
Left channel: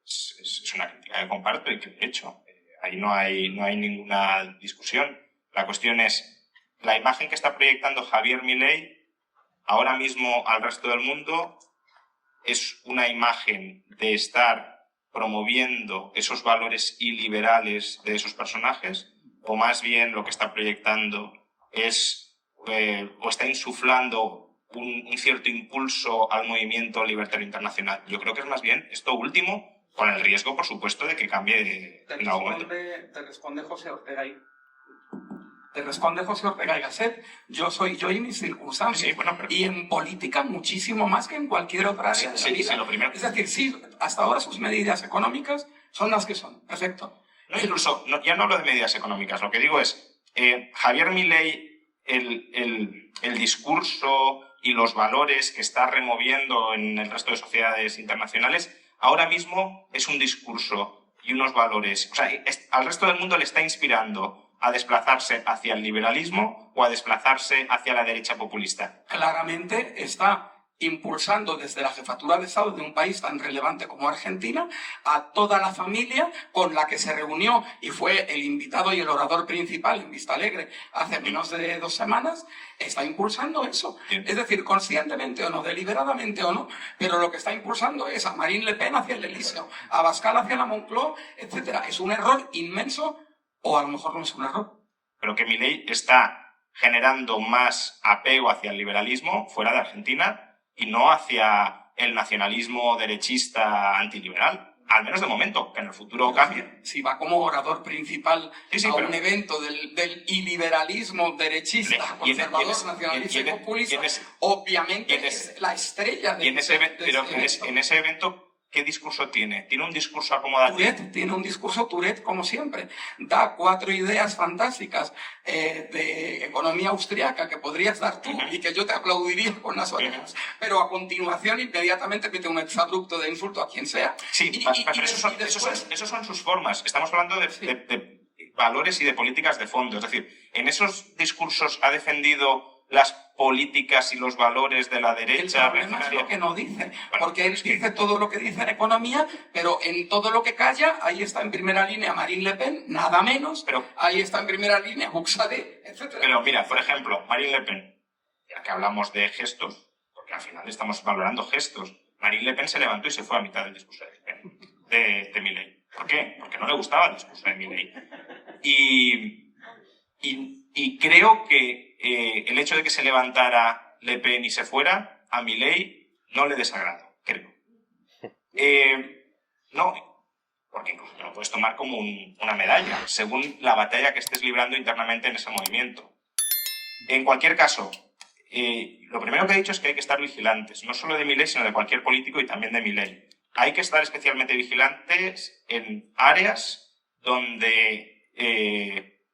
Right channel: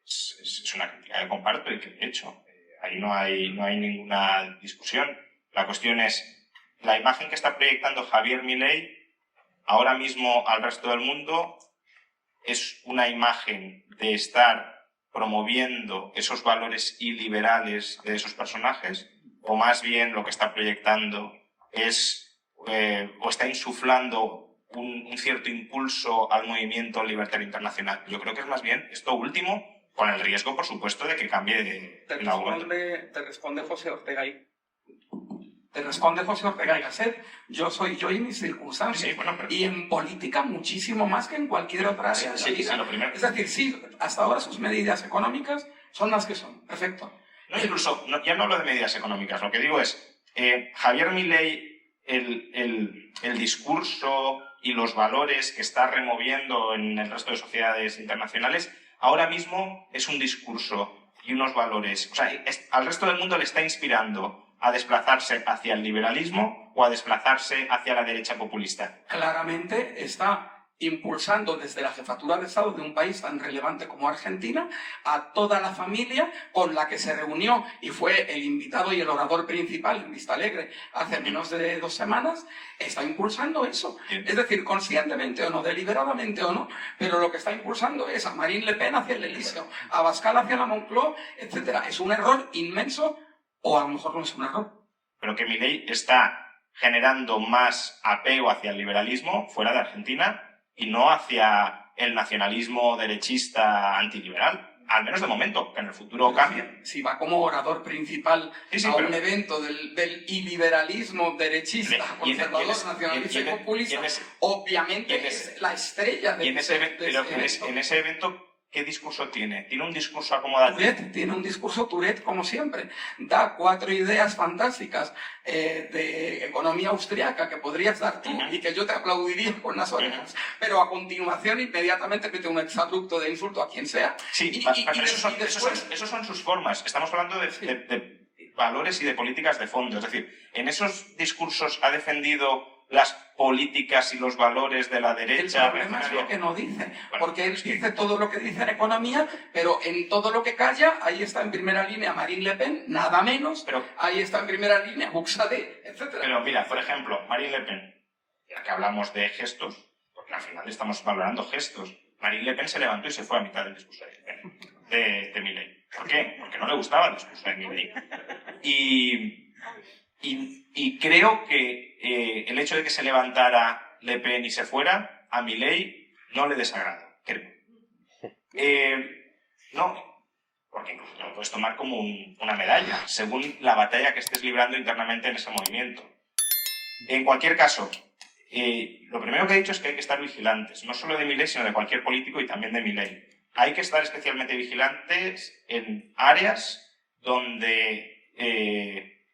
es una crítica que comparto y que, de hecho, ahí no hay ninguna discusión. La cuestión es la imagen que está proyectando Javier Milei ahora mismo al resto del mundo es una imagen de estar promoviendo esos valores iliberales de esos personajes, o más bien lo que está proyectando es o está insuflando un cierto impulso al movimiento libertario internacional. Yo creo que es más bien esto último, con el riesgo, por supuesto, de que cambie en algún momento. Te responde José Ortega y Gasset. Yo soy yo y mis circunstancias. Sí, bueno, pero... Y en política muchísimo más que en cualquier otra área de la vida. Lo primero. Es decir, sí, hasta ahora sus medidas económicas son las que son. Perfecto. No, incluso, ya no hablo de medidas económicas. Lo que digo es, Javier Milei, el discurso y los valores que está removiendo en el resto de sociedades internacionales, ahora mismo es un discurso y unos valores. O sea, al resto del mundo le está inspirando a desplazarse hacia el liberalismo o a desplazarse hacia la derecha populista. Claramente está impulsando desde la jefatura de Estado de un país tan relevante como Argentina a toda la familia con la que se reunió y fue el invitado y el orador principal en Vista Alegre hace menos de 2 semanas, está impulsando eso. Bien. Es decir, conscientemente o no, deliberadamente o no, pero lo que está impulsando es a Marine Le Pen hacia el Elíseo, a Abascal hacia la Moncloa, etc. Es un error inmenso, o a lo mejor no es un error. Pero que Milei está generando más apego hacia el liberalismo fuera de Argentina y no hacia el nacionalismo derechista antiliberal, al menos de momento, que en el futuro cambie. Si va como orador principal a un evento del iliberalismo derechista, conservador, nacionalista y populista, obviamente es la estrella de ese evento. ¿Qué discurso tiene? ¿Tiene un discurso acomodado? Tiene un discurso Tourette, como siempre. Da 4 ideas fantásticas de economía austriaca que podrías dar tú y que yo te aplaudiría con las orejas. Pero a continuación, inmediatamente mete un exabrupto de insulto a quien sea. Sí, pero esos son sus formas. Estamos hablando de valores y de políticas de fondo. Es decir, en esos discursos ha defendido las políticas y los valores de la derecha. El problema es lo que no dice, porque él dice todo lo que dice en economía, pero en todo lo que calla, ahí está en primera línea Marine Le Pen, nada menos, pero ahí está en primera línea Buxadé, etc. Pero mira, por ejemplo, Marine Le Pen, ya que hablamos de gestos, porque al final estamos valorando gestos, Marine Le Pen se levantó y se fue a mitad del discurso de Milei. ¿Por qué? Porque no le gustaba el discurso de Milei. Y creo que el hecho de que se levantara Le Pen y se fuera, a Milei no le desagrada, creo. No, porque incluso lo puedes tomar como una medalla, según la batalla que estés librando internamente en ese movimiento. En cualquier caso, lo primero que he dicho es que hay que estar vigilantes, no solo de Milei, sino de cualquier político y también de Milei. Hay que estar especialmente vigilantes en áreas donde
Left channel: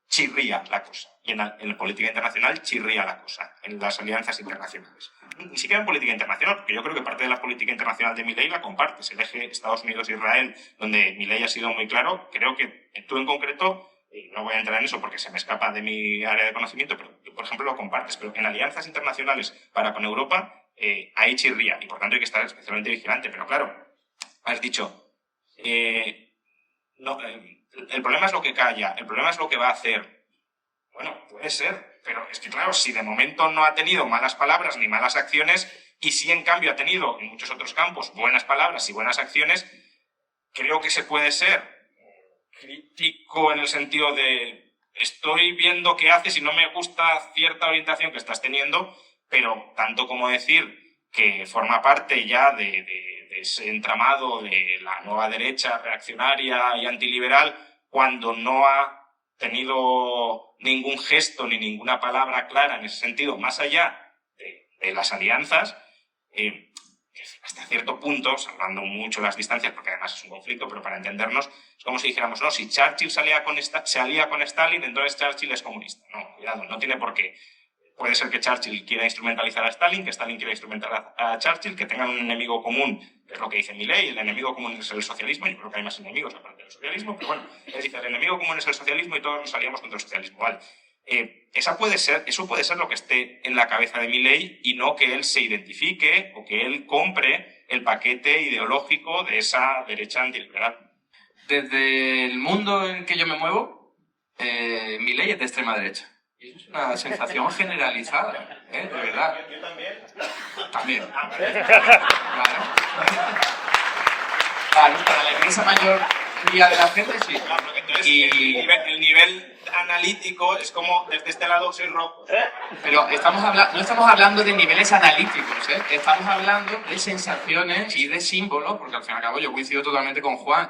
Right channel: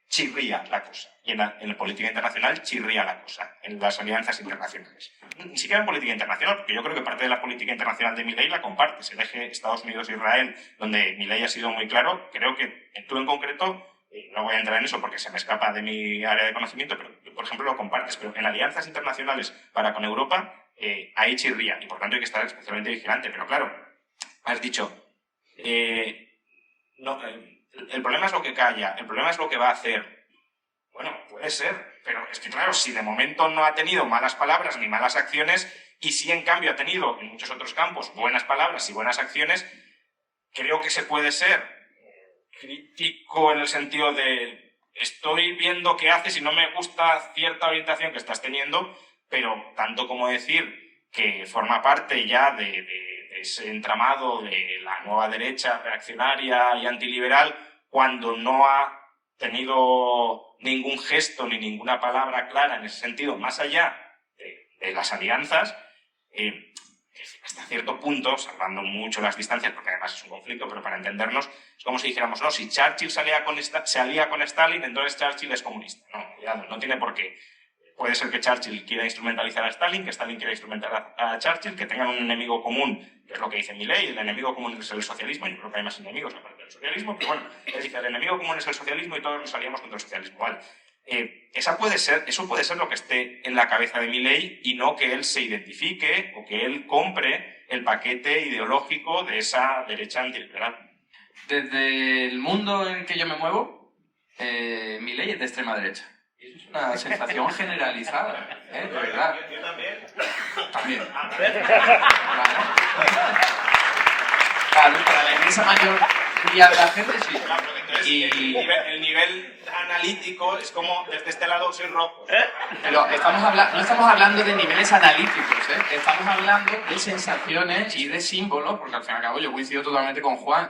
chirría la cosa. Y en la política internacional chirría la cosa, en las alianzas internacionales. Ni siquiera en política internacional, porque yo creo que parte de la política internacional de Milei la compartes. El eje Estados Unidos-Israel, donde Milei ha sido muy claro, creo que tú en concreto, no voy a entrar en eso porque se me escapa de mi área de conocimiento, pero tú, por ejemplo, lo compartes. Pero en alianzas internacionales para con Europa, ahí chirría, y por tanto hay que estar especialmente vigilante. Pero claro, has dicho, el problema es lo que calla, el problema es lo que va a hacer. Bueno, puede ser, pero es que claro, si de momento no ha tenido malas palabras ni malas acciones, y sí en cambio ha tenido en muchos otros campos buenas palabras y buenas acciones, creo que se puede ser crítico en el sentido de estoy viendo qué haces y no me gusta cierta orientación que estás teniendo, pero tanto como decir que forma parte ya de ese entramado de la nueva derecha reaccionaria y antiliberal, cuando no ha tenido ningún gesto ni ninguna palabra clara en ese sentido, más allá de las alianzas, hasta cierto punto, salvando mucho las distancias, porque además es un conflicto, pero para entendernos, es como si dijéramos, no, si Churchill se alía con Stalin, entonces Churchill es comunista. No, cuidado, no tiene por qué. Puede ser que Churchill quiera instrumentalizar a Stalin, que Stalin quiera instrumentalizar a Churchill, que tengan un enemigo común, que es lo que dice Milei, el enemigo común es el socialismo. Yo creo que hay más enemigos aparte del socialismo, pero bueno, él dice, el enemigo común es el socialismo y todos nos aliamos contra el socialismo. Vale. Eso puede ser lo que esté en la cabeza de Milei y no que él se identifique o que él compre el paquete ideológico de esa derecha antiliberal. Desde el mundo en el que yo me muevo, Milei es de extrema derecha. Y eso es una sensación generalizada, de verdad. ¿Yo también? También. Claro, para la inmensa mayoría de la gente sí. Claro, entonces, Y... el nivel analítico es como, desde este lado soy rojo. Pero no estamos hablando de niveles analíticos, estamos hablando de sensaciones y de símbolos, porque al fin y al cabo yo coincido totalmente con Juan.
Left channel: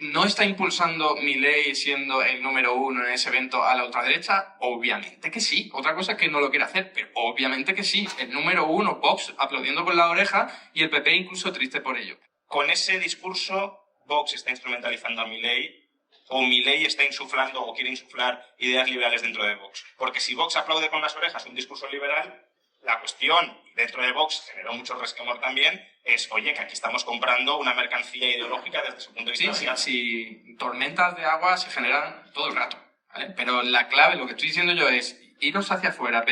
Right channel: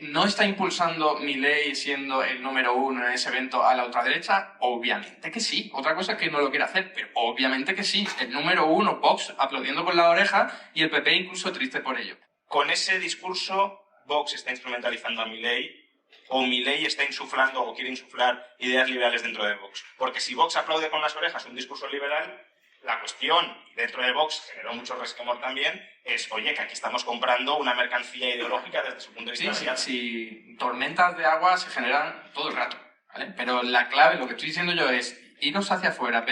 ¿No está impulsando Milei siendo el número uno en ese evento a la ultraderecha? Obviamente que sí. Otra cosa es que no lo quiere hacer, pero obviamente que sí. El número uno, Vox, aplaudiendo con la oreja y el PP incluso triste por ello. Con ese discurso, Vox está instrumentalizando a Milei, o Milei está insuflando o quiere insuflar ideas liberales dentro de Vox. Porque si Vox aplaude con las orejas un discurso liberal, la cuestión, dentro de Vox generó mucho resquemor también, es, oye, que aquí estamos comprando una mercancía ideológica desde su punto de vista. Sí, tormentas de agua se generan todo el rato, ¿vale? Pero la clave, lo que estoy diciendo yo es iros hacia afuera,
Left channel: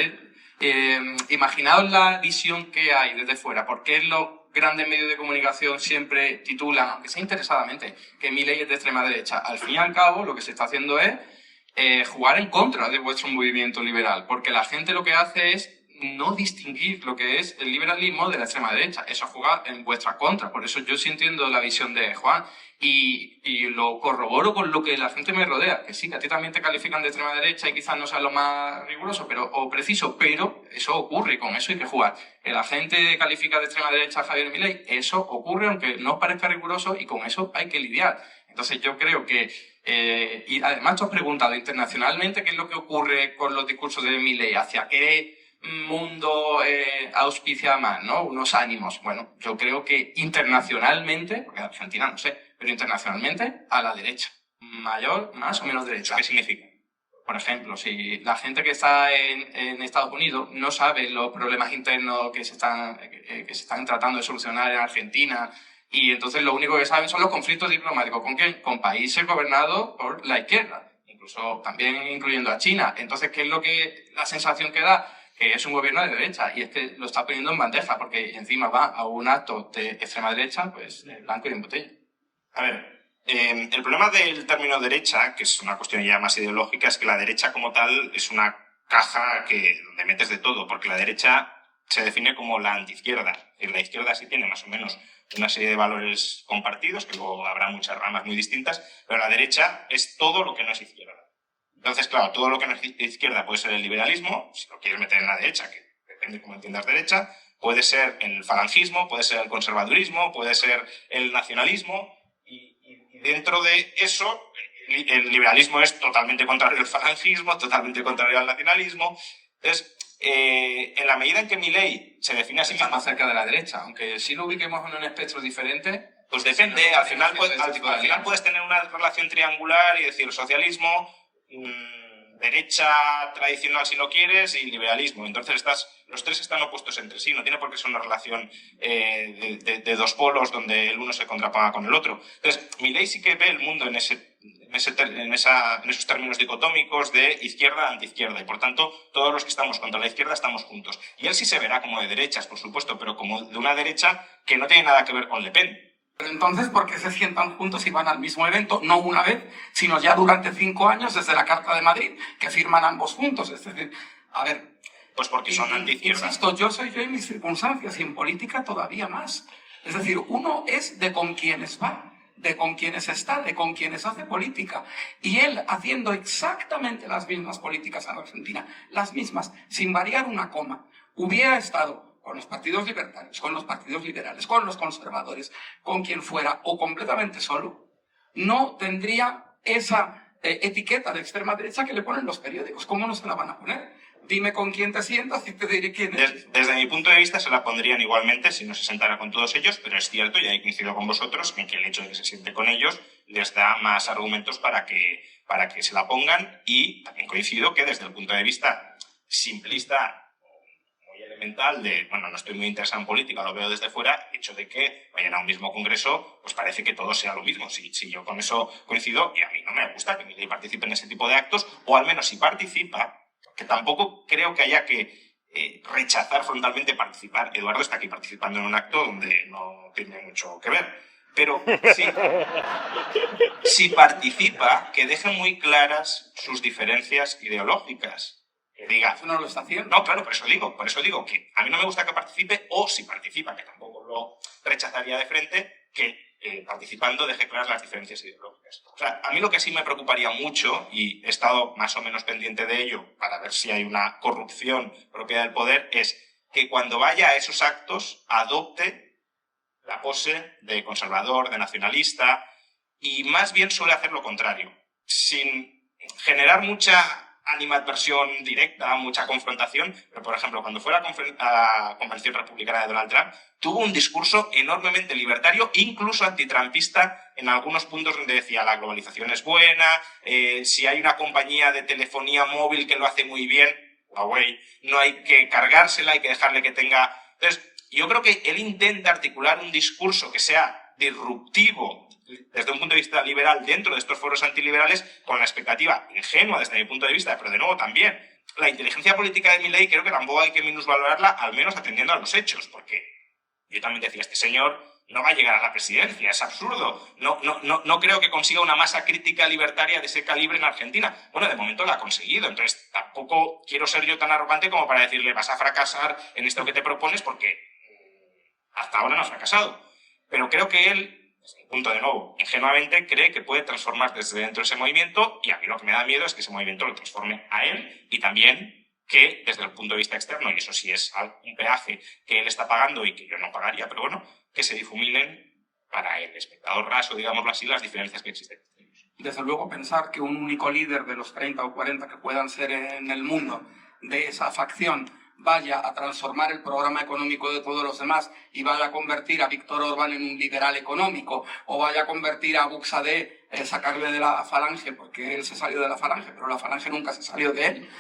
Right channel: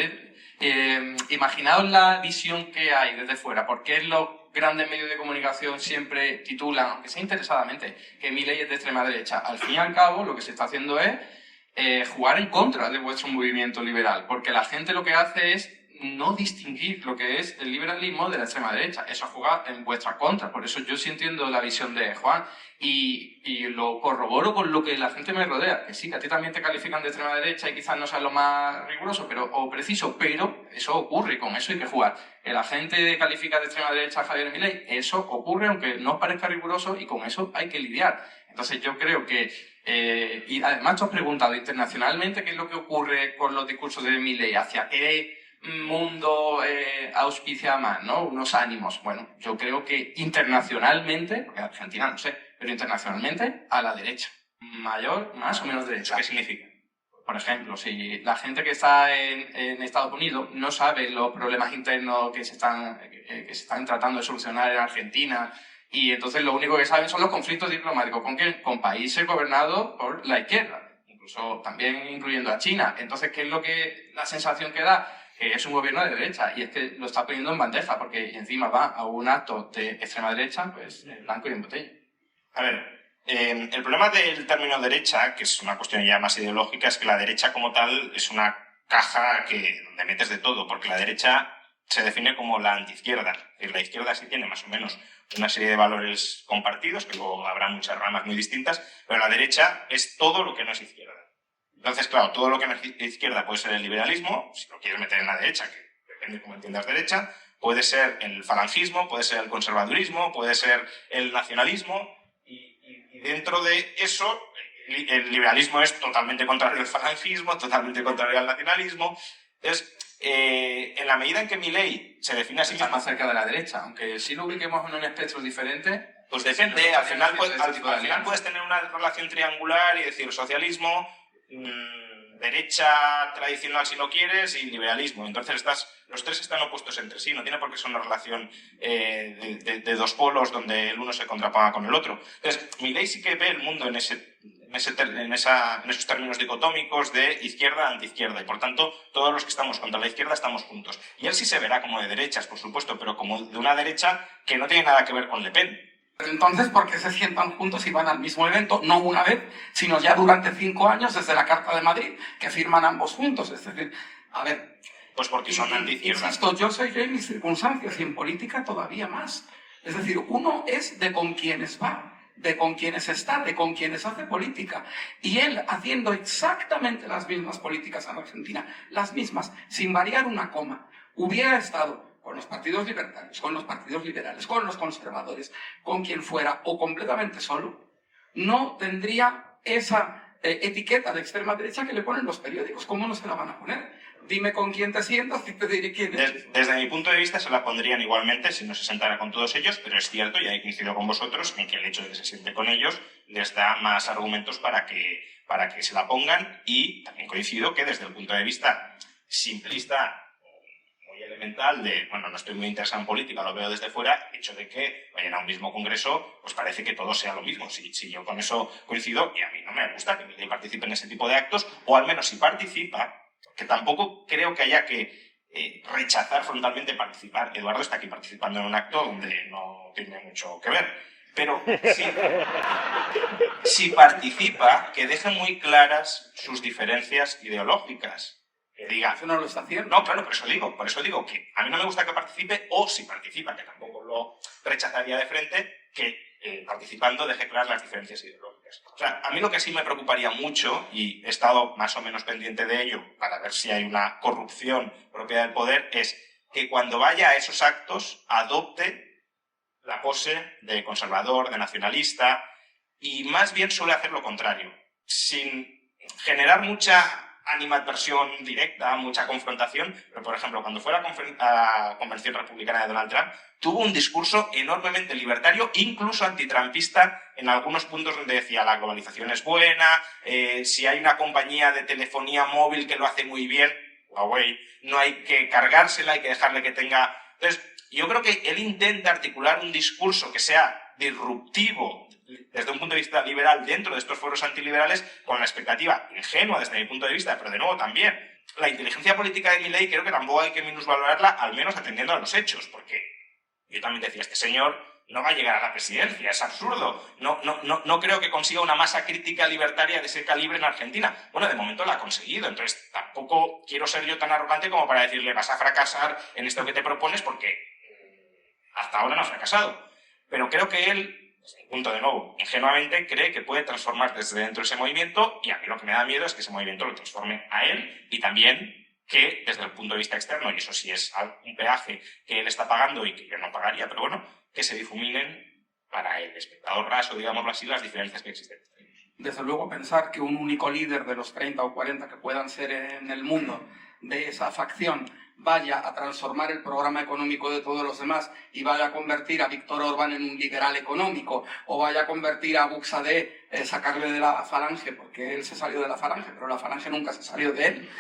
imaginaos la visión que hay desde fuera, porque los grandes medios de comunicación siempre titulan, aunque sea interesadamente, que Milei es de extrema derecha. Al fin y al cabo, lo que se está haciendo es jugar en contra de vuestro movimiento liberal, porque la gente lo que hace es no distinguir lo que es el liberalismo de la extrema derecha. Eso juega en vuestra contra. Por eso yo sí entiendo la visión de Juan y lo corroboro con lo que la gente me rodea. Que sí, que a ti también te califican de extrema derecha y quizás no sea lo más riguroso o preciso, pero eso ocurre y con eso hay que jugar. La gente califica de extrema derecha a Javier Milei, eso ocurre aunque no parezca riguroso y con eso hay que lidiar. Entonces yo creo que y además tú has preguntado internacionalmente qué es lo que ocurre con los discursos de Milei, hacia qué mundo auspicia más, ¿no? Unos ánimos. Bueno, yo creo que internacionalmente, porque Argentina no sé, pero internacionalmente a la derecha. Mayor, más o menos derecha. ¿Qué significa? Por ejemplo, si la gente que está en Estados Unidos no sabe los problemas internos que se están tratando de solucionar en Argentina, y entonces lo único que saben son los conflictos diplomáticos. ¿Con qué? Con países gobernados por la izquierda, incluso también incluyendo a China. Entonces, ¿qué es la sensación que da? Que es un gobierno de derecha, y es que lo está poniendo en bandeja, porque encima va a un acto de extrema derecha, pues blanco y en botella. A ver, el problema del término derecha, que es una cuestión ya más ideológica, es que la derecha como tal es una caja donde metes de todo, porque la derecha se define como la antiizquierda. Es decir, la izquierda sí tiene más o menos una serie de valores compartidos, que luego habrá muchas ramas muy distintas, pero la derecha es todo lo que no es izquierda. Entonces, claro, todo lo que no es izquierda puede ser el liberalismo, si lo quieres meter en la derecha, que depende cómo entiendas derecha, puede ser el falangismo, puede ser el conservadurismo, puede ser el nacionalismo, y dentro de eso, el liberalismo es totalmente contrario al falangismo, totalmente contrario al nacionalismo. Entonces, en la medida en que Milei se define a sí mismo más cerca de la derecha, aunque si lo ubiquemos en un espectro diferente, pues depende, al final puedes tener una relación triangular y decir socialismo, derecha tradicional si lo quieres y liberalismo. Entonces los tres están opuestos entre sí, no tiene por qué ser una relación de dos polos donde el uno se contraponga con el otro. Entonces Milei sí que ve el mundo en esos términos dicotómicos de izquierda antiizquierda, y por tanto todos los que estamos contra la izquierda estamos juntos. Y él sí se verá como de derechas, por supuesto, pero como de una derecha que no tiene nada que ver con Le Pen. Entonces, ¿por qué se sientan juntos y van al mismo evento? No una vez, sino ya durante 5 años desde la Carta de Madrid, que firman ambos juntos. Es decir, a ver... Pues porque son antiizquierda. Insisto, yo soy yo y mis circunstancias, y en política todavía más. Es decir, uno es de con quienes va, de con quienes está, de con quienes hace política. Y él haciendo exactamente las mismas políticas en Argentina, las mismas, sin variar una coma, hubiera estado con los partidos libertarios, con los partidos liberales, con los conservadores, con quien fuera, o completamente solo, no tendría esa etiqueta de extrema derecha que le ponen los periódicos. ¿Cómo no se la van a poner? dime con quién te sientas y te diré quién es. Desde mi punto de vista se la pondrían igualmente si no se sentara con todos ellos, pero es cierto, y ahí coincido con vosotros, en que el hecho de que se siente con ellos les da más argumentos para que se la pongan, y también coincido que desde el punto de vista simplista, muy elemental de, bueno, no estoy muy interesado en política, lo veo desde fuera, el hecho de que vayan a un mismo congreso, pues parece que todo sea lo mismo. Si yo con eso coincido, y a mí no me gusta que Milei participe en ese tipo de actos, o al menos si participa, que tampoco creo que haya que rechazar frontalmente participar. Eduardo está aquí participando en un acto donde no tiene mucho que ver. Pero si participa, que deje muy claras sus diferencias ideológicas. Que diga, Eso no lo está haciendo. no, claro, por eso digo que a mí no me gusta que participe, o si participa, que tampoco lo rechazaría de frente, que participando deje claras las diferencias ideológicas. O sea, a mí lo que sí me preocuparía mucho, y he estado más o menos pendiente de ello para ver si hay una corrupción propia del poder, es que cuando vaya a esos actos adopte la pose de conservador, de nacionalista, y más bien suele hacer lo contrario, sin generar mucha animadversión directa, mucha confrontación, pero por ejemplo, cuando fue a la convención republicana de Donald Trump, tuvo un discurso enormemente libertario, incluso antitrumpista, en algunos puntos donde decía la globalización es buena, si hay una compañía de telefonía móvil que lo hace muy bien, Huawei, no hay que cargársela, hay que dejarle que tenga... Entonces, yo creo que él intenta articular un discurso que sea disruptivo desde un punto de vista liberal dentro de estos foros antiliberales, con la expectativa ingenua desde mi punto de vista, pero de nuevo también la inteligencia política de Milei creo que tampoco hay que minusvalorarla, al menos atendiendo a los hechos, porque yo también decía, este señor no va a llegar a la presidencia, es absurdo, no creo que consiga una masa crítica libertaria de ese calibre en Argentina. Bueno, de momento la ha conseguido, entonces tampoco quiero ser yo tan arrogante como para decirle vas a fracasar en esto que te propones, porque hasta ahora no ha fracasado. Pero creo que él, desde mi punto de nuevo, ingenuamente cree que puede transformar desde dentro ese movimiento, y a mí lo que me da miedo es que ese movimiento lo transforme a él, y también que desde el punto de vista externo, y eso sí es un peaje que él está pagando y que yo no pagaría, pero bueno, que se difuminen para el espectador raso, digámoslo así, las diferencias que existen. Desde luego, pensar que un único líder de los 30 o 40 que puedan ser en el mundo de esa facción vaya a transformar el programa económico de todos los demás y vaya a convertir a Víctor Orbán en un liberal económico, o vaya a convertir a Buxadé, sacarle de la Falange, porque él se salió de la Falange, pero la Falange nunca se salió de él,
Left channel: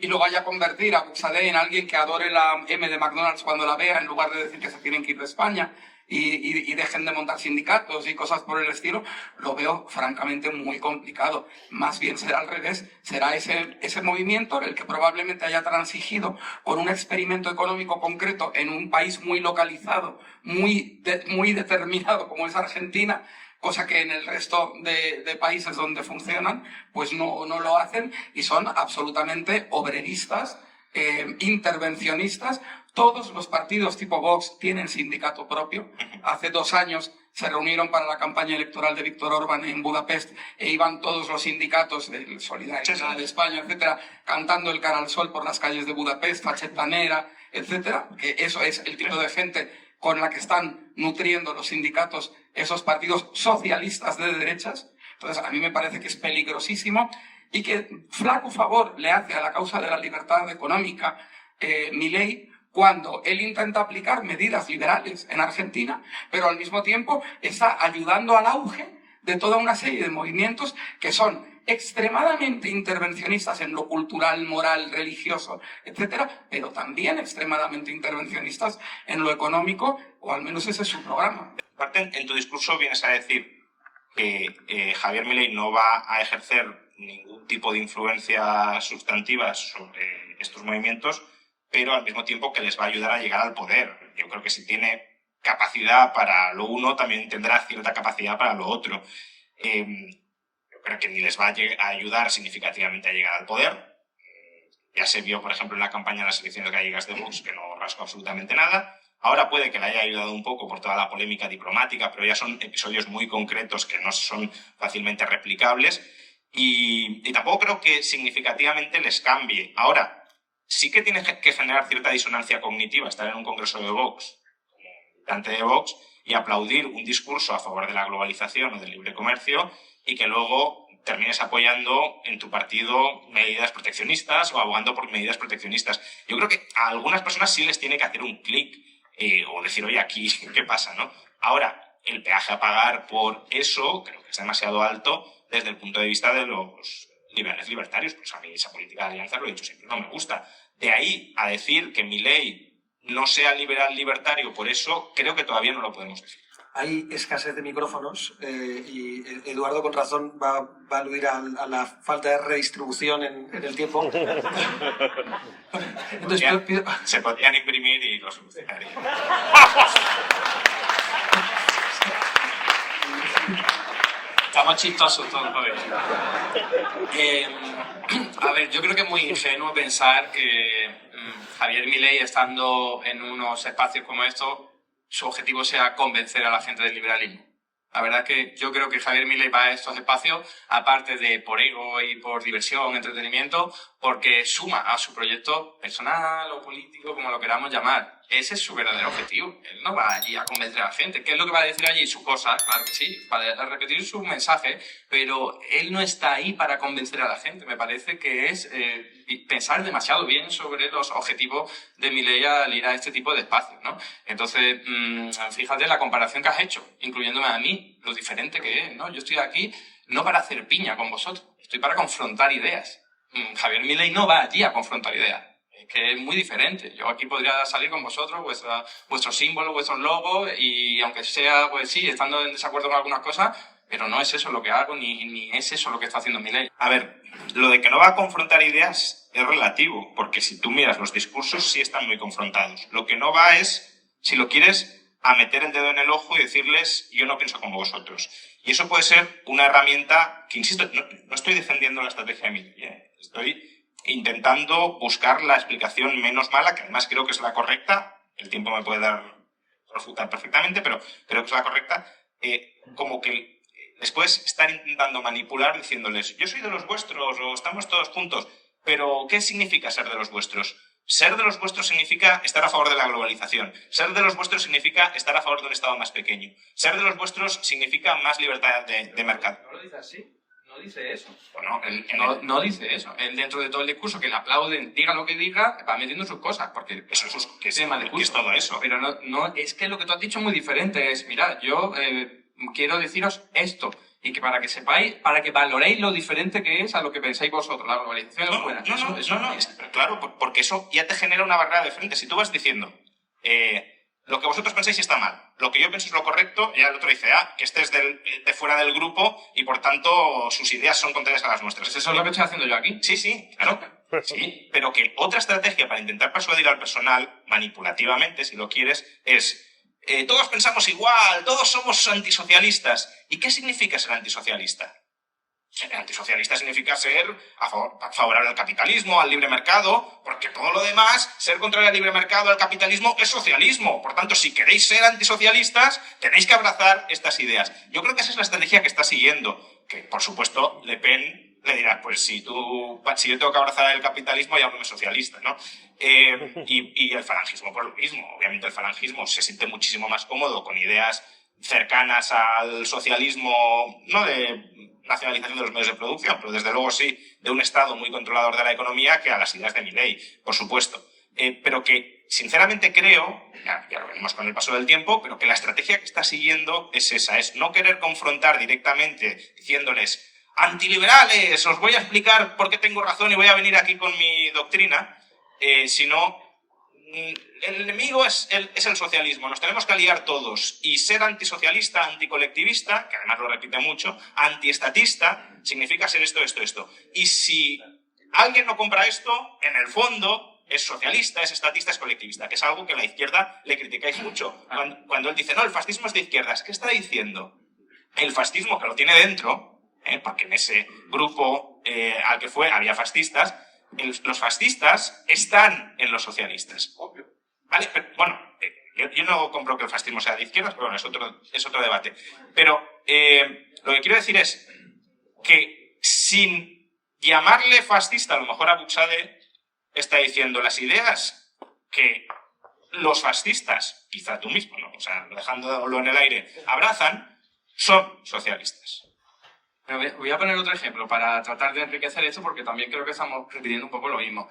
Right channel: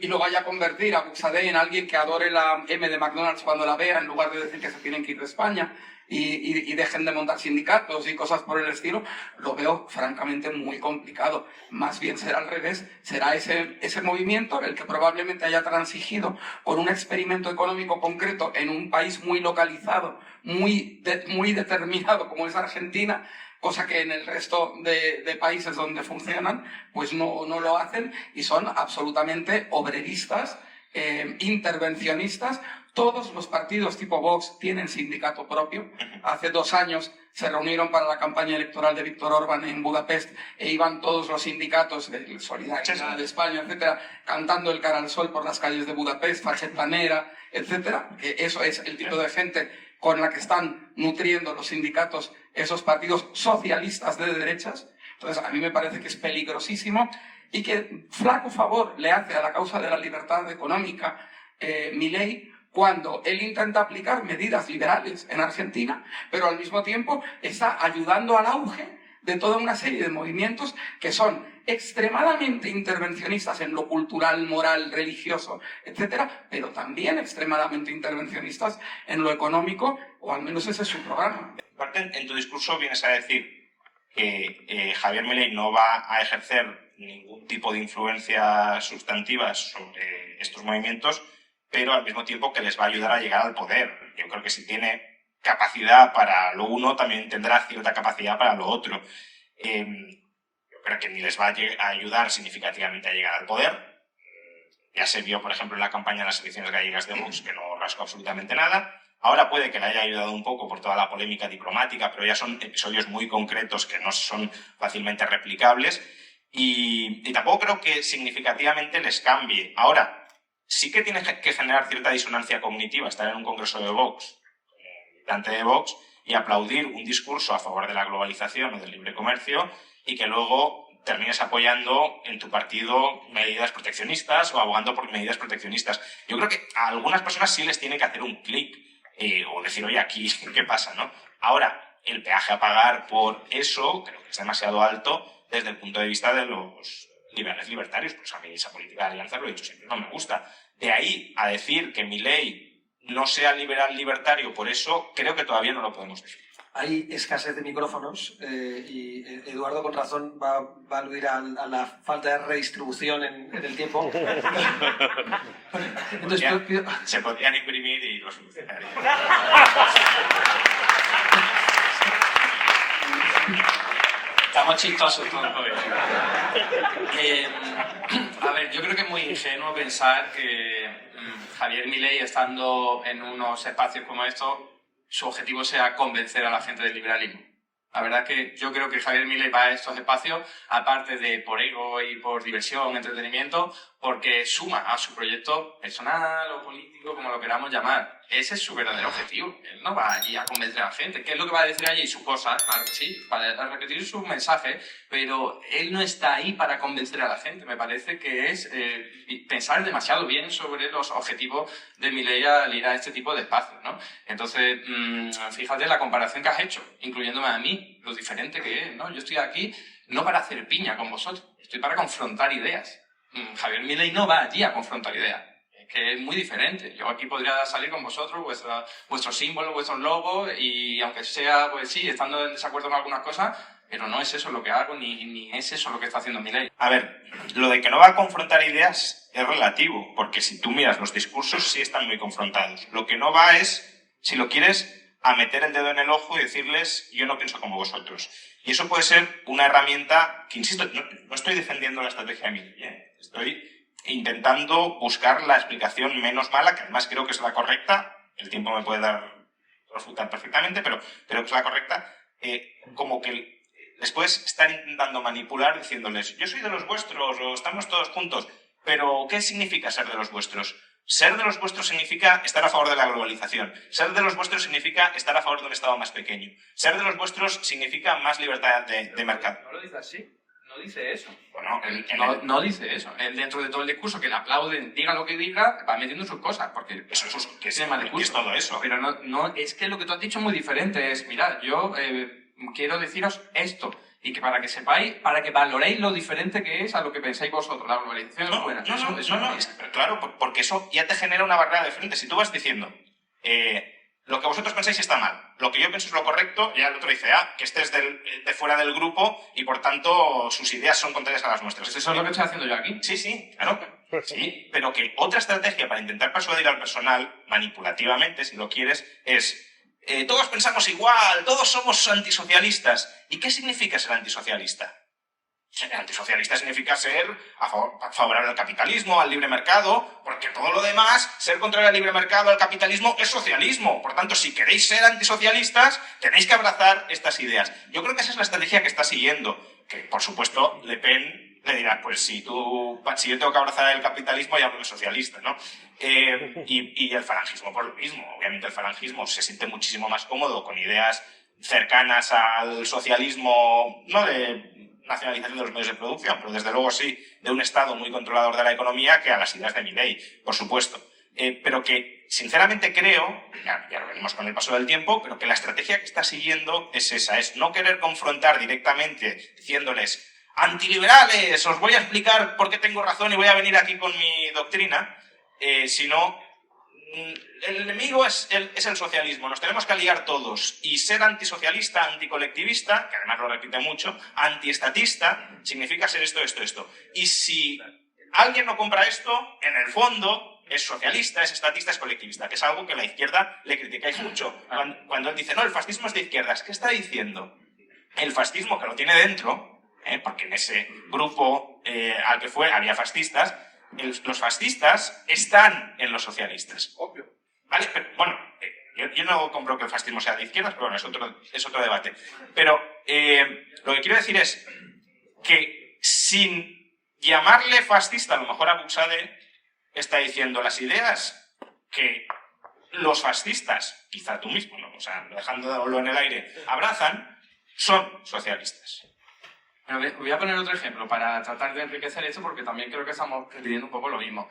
y lo vaya a convertir a Buxadé en alguien que adore la M de McDonald's cuando la vea, en lugar de decir que se tienen que ir de España, y dejen de montar sindicatos y cosas por el estilo, lo veo francamente muy complicado. Más bien será al revés, será ese movimiento el que probablemente haya transigido con un experimento económico concreto en un país muy localizado, muy determinado como es Argentina, cosa que en el resto de países donde funcionan pues no lo hacen, y son absolutamente obreristas, intervencionistas. Todos los partidos tipo Vox tienen sindicato propio. Hace 2 años se reunieron para la campaña electoral de Víctor Orbán en Budapest, e iban todos los sindicatos de Solidaridad, de España, etcétera, cantando el cara al sol por las calles de Budapest, fachetanera, etcétera, que eso es el tipo de gente con la que están nutriendo los sindicatos esos partidos socialistas de derechas. Entonces, a mí me parece que es peligrosísimo, y que flaco favor le hace a la causa de la libertad económica Milei, cuando él intenta aplicar medidas liberales en Argentina, pero al mismo tiempo está ayudando al auge de toda una serie de movimientos que son extremadamente intervencionistas en lo cultural, moral, religioso, etcétera, pero también extremadamente intervencionistas en lo económico, o al menos ese es su programa. Aparte, en tu discurso vienes a decir que Javier Milei no va a ejercer ningún tipo de influencia sustantiva sobre estos movimientos, pero al mismo tiempo que les va a ayudar a llegar al poder. Yo creo que si tiene capacidad para lo uno, también tendrá cierta capacidad para lo otro. Yo creo que ni les va a ayudar significativamente a llegar al poder. Ya se vio, por ejemplo, en la campaña de las elecciones gallegas de Vox, que no rascó absolutamente nada. Ahora puede que le haya ayudado un poco por toda la polémica diplomática, pero ya son episodios muy concretos que no son fácilmente replicables. Y tampoco creo que significativamente les cambie. Ahora, sí que tiene que generar cierta disonancia cognitiva estar en un congreso de Vox, como militante de Vox, y aplaudir un discurso a favor de la globalización o del libre comercio, y que luego termines apoyando en tu partido medidas proteccionistas o abogando por medidas proteccionistas. Yo creo que a algunas personas sí les tiene que hacer un clic o decir, oye, aquí, ¿qué pasa, no? Ahora, el peaje a pagar por eso creo que es demasiado alto desde el punto de vista de los liberales libertarios. Pues a mí esa política de alianza, lo he dicho siempre, no me gusta. De ahí a decir que Milei no sea liberal libertario, por eso creo que todavía no lo podemos decir. Hay escasez de micrófonos y Eduardo con razón va a aludir a la falta de redistribución en el tiempo. Entonces, se podrían imprimir y lo solucionarían. Estamos chistosos todos hoy. A ver, yo creo que es muy ingenuo pensar que Javier Milei, estando en unos espacios como estos, su objetivo sea convencer a la gente del liberalismo. La verdad es que yo creo que Javier Milei va a estos espacios, aparte de por ego y por diversión, entretenimiento, porque suma a su proyecto personal o político, como lo queramos llamar. Ese es su verdadero objetivo. Él no va allí a convencer a la gente. ¿Qué es lo que va a decir allí? Sus cosas, claro que sí, para repetir sus mensajes, pero él no está ahí para convencer a la gente. Me parece que es pensar demasiado bien sobre los objetivos de Milei al ir a este tipo de espacios, ¿no? Entonces, fíjate la comparación que has hecho, incluyéndome a mí, lo diferente que es, ¿no? Yo estoy aquí no para hacer piña con vosotros, estoy para confrontar ideas. Javier Milei no va allí a confrontar ideas. Que es muy diferente. Yo aquí podría salir con vosotros, vuestros símbolos, vuestros logos, y aunque sea, pues sí, estando en desacuerdo con algunas cosas, pero no es eso lo que hago, ni es eso lo que está haciendo Milei. A ver, lo de que no va a confrontar ideas es relativo, porque si tú miras los discursos sí están muy confrontados. Lo que no va es, si lo quieres, a meter el dedo en el ojo y decirles, yo no pienso como vosotros. Y eso puede ser una herramienta que, insisto, no estoy defendiendo la estrategia de Milei, estoy intentando buscar la explicación menos mala, que además creo que es la correcta. El tiempo me puede refutar perfectamente, pero creo que es la correcta. Como que les puedes estar intentando manipular diciéndoles, yo soy de los vuestros o estamos todos juntos, pero ¿qué significa ser de los vuestros? Ser de los vuestros significa estar a favor de la globalización. Ser de los vuestros significa estar a favor de un Estado más pequeño. Ser de los vuestros significa más libertad de mercado. ¿No lo dice así? No dice eso. Bueno, no dice eso. Él, dentro de todo el discurso, que le aplauden, diga lo que diga, va metiendo sus cosas, porque eso es que es tema de discurso. Es todo eso. Pero no, es que lo que tú has dicho es muy diferente. Es, mirad, yo quiero deciros esto, y que para que sepáis, para que valoréis lo diferente que es a lo que pensáis vosotros. La globalización es buena. Claro, porque eso ya te genera una barrera de frente. Si tú vas diciendo, lo que vosotros pensáis está mal, lo que yo pienso es lo correcto, ya el otro dice, que este es de fuera del grupo y por tanto sus ideas son contrarias a las nuestras. ¿Eso es lo que estoy haciendo yo aquí? Sí, claro. Sí, pero que otra estrategia para intentar persuadir al personal, manipulativamente, si lo quieres, es todos pensamos igual, todos somos antisocialistas. ¿Y qué significa ser antisocialista? Ser antisocialista significa ser favorable al capitalismo, al libre mercado, porque todo lo demás, ser contrario al libre mercado, al capitalismo, es socialismo. Por tanto, si queréis ser antisocialistas, tenéis que abrazar estas ideas. Yo creo que esa es la estrategia que está siguiendo, que por supuesto Le Pen le dirá, pues si yo tengo que abrazar el capitalismo, llámame socialista, ¿no? Y el falangismo, por lo mismo. Obviamente el falangismo se siente muchísimo más cómodo con ideas cercanas al socialismo, no de nacionalización de los medios de producción, pero desde luego sí de un Estado muy controlador de la economía, que a las ideas de Milei, por supuesto. Pero que sinceramente creo, ya lo veremos con el paso del tiempo, pero que la estrategia que está siguiendo es esa, es no querer confrontar directamente diciéndoles antiliberales, os voy a explicar por qué tengo razón y voy a venir aquí con mi doctrina, sino el enemigo es el socialismo, nos tenemos que aliar todos, y ser antisocialista, anticolectivista, que además lo repite mucho, antiestatista, significa ser esto. Y si alguien no compra esto, en el fondo es socialista, es estatista, es colectivista, que es algo que a la izquierda le criticáis mucho. Cuando él dice, no, el fascismo es de izquierdas, ¿qué está diciendo? El fascismo, que lo tiene dentro, porque en ese grupo al que fue había fascistas, los fascistas están en los socialistas. Obvio. ¿Vale? Pero, bueno, yo no compro que el fascismo sea de izquierdas, pero bueno, es otro debate. Pero lo que quiero decir es que sin llamarle fascista, a lo mejor a Buxade está diciendo las ideas que los fascistas, quizá tú mismo, ¿no? O sea, dejándolo en el aire, abrazan, son socialistas. Voy a poner otro ejemplo para tratar de enriquecer esto, porque también creo que estamos repitiendo un poco lo mismo.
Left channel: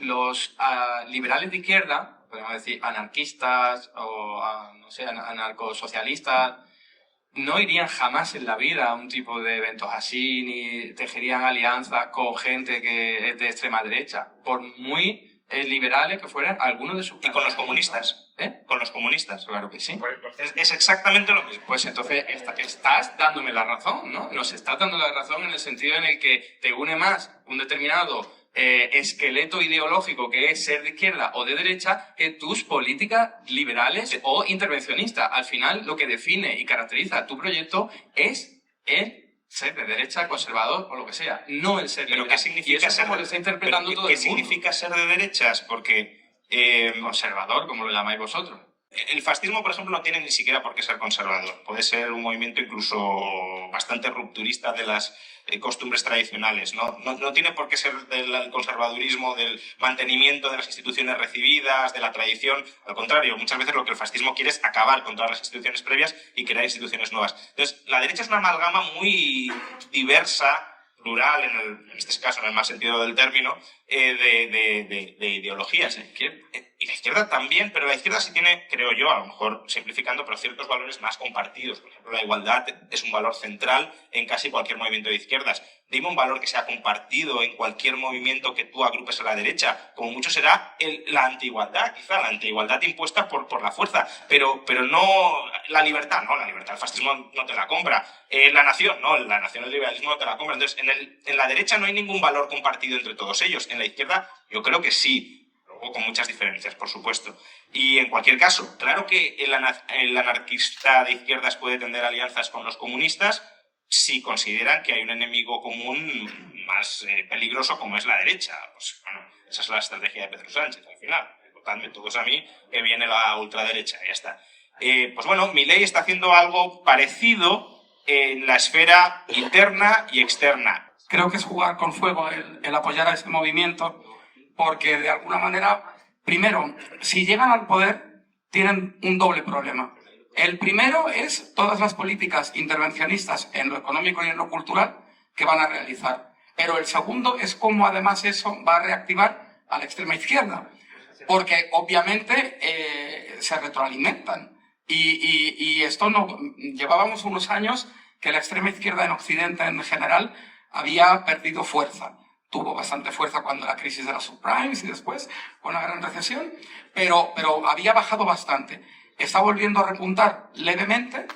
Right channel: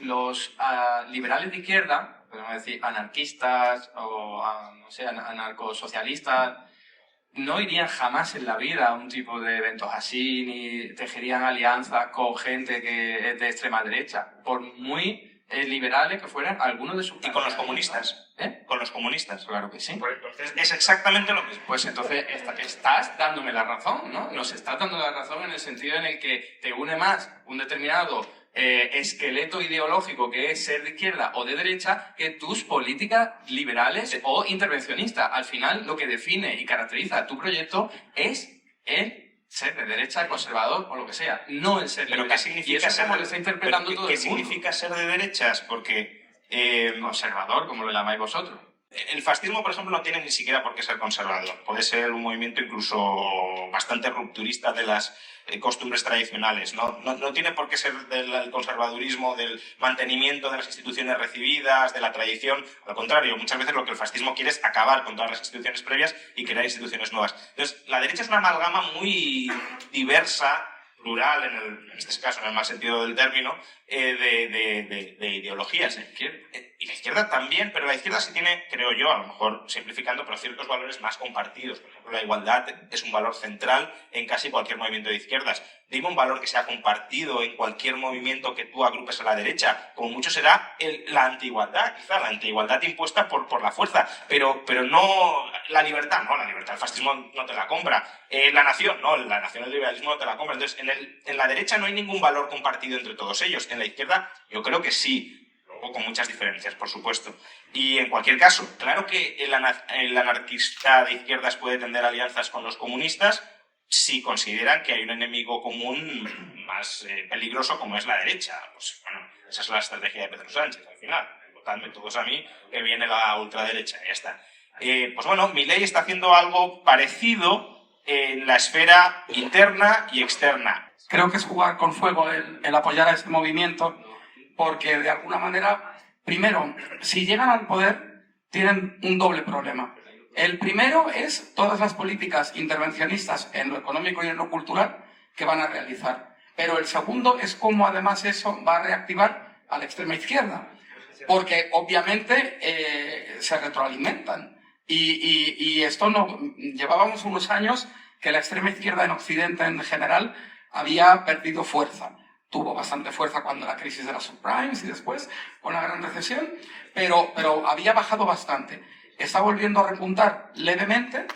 Los liberales de izquierda, podemos decir anarquistas o no sé, anarcosocialistas, no irían jamás en la vida a un tipo de eventos así, ni tejerían alianzas con gente que es de extrema derecha, por muy liberales que fueran algunos de sus... ¿Y con los comunistas? ¿Con los comunistas? Claro que sí. Pues entonces es exactamente lo mismo. Pues entonces estás dándome la razón, ¿no? Nos estás dando la razón en el sentido en el que te une más un determinado esqueleto ideológico que es ser de izquierda o de derecha que tus políticas liberales o intervencionistas. Al final, lo que define y caracteriza tu proyecto es el ser de derecha, conservador o lo que sea, no el ser liberal. ¿Pero qué significa y eso es como lo está interpretando todo el mundo. ¿Qué significa ser de derechas? Porque... conservador, como lo llamáis vosotros. El fascismo, por ejemplo, no tiene ni siquiera por qué ser conservador. Puede ser un movimiento incluso bastante rupturista de las costumbres tradicionales. No tiene por qué ser del conservadurismo, del mantenimiento de las instituciones recibidas, de la tradición. Al contrario, muchas veces lo que el fascismo quiere es acabar con todas las instituciones previas y crear instituciones nuevas. Entonces, la derecha es una amalgama muy diversa, plural, en este caso, en el mal sentido del término, de ideologías. Y la izquierda también, pero la izquierda sí tiene, creo yo, a lo mejor simplificando, pero ciertos valores más compartidos. Por ejemplo, la igualdad es un valor central en casi cualquier movimiento de izquierdas. Dime un valor que sea compartido en cualquier movimiento que tú agrupes a la derecha. Como mucho será la antiigualdad, quizá la antiigualdad impuesta por la fuerza, pero no la libertad, no, la libertad el fascismo no te la compra. La nación, no, la nación el liberalismo no te la compra. Entonces, en la derecha no hay ningún valor compartido entre todos ellos. En la izquierda yo creo que sí, luego con muchas diferencias, por supuesto. Y en cualquier caso, claro que el anarquista de izquierdas puede tender alianzas con los comunistas si consideran que hay un enemigo común más peligroso como es la derecha. Pues bueno, esa es la estrategia de Pedro Sánchez al final. Votadme todos a mí, que viene la ultraderecha, y ya está. Pues bueno, Milei está haciendo algo parecido en la esfera interna y externa. Creo que es jugar con fuego el apoyar a este movimiento, porque de alguna manera, primero, si llegan al poder, tienen un doble problema. El primero es todas las políticas intervencionistas en lo económico y en lo cultural que van a realizar. Pero el segundo es cómo además eso va a reactivar a la extrema izquierda, porque obviamente se retroalimentan. Y esto no... Llevábamos unos años que la extrema izquierda en Occidente en general había perdido fuerza. Tuvo bastante fuerza cuando la crisis de las subprimes y después con la gran recesión, pero había bajado bastante. Está volviendo a repuntar levemente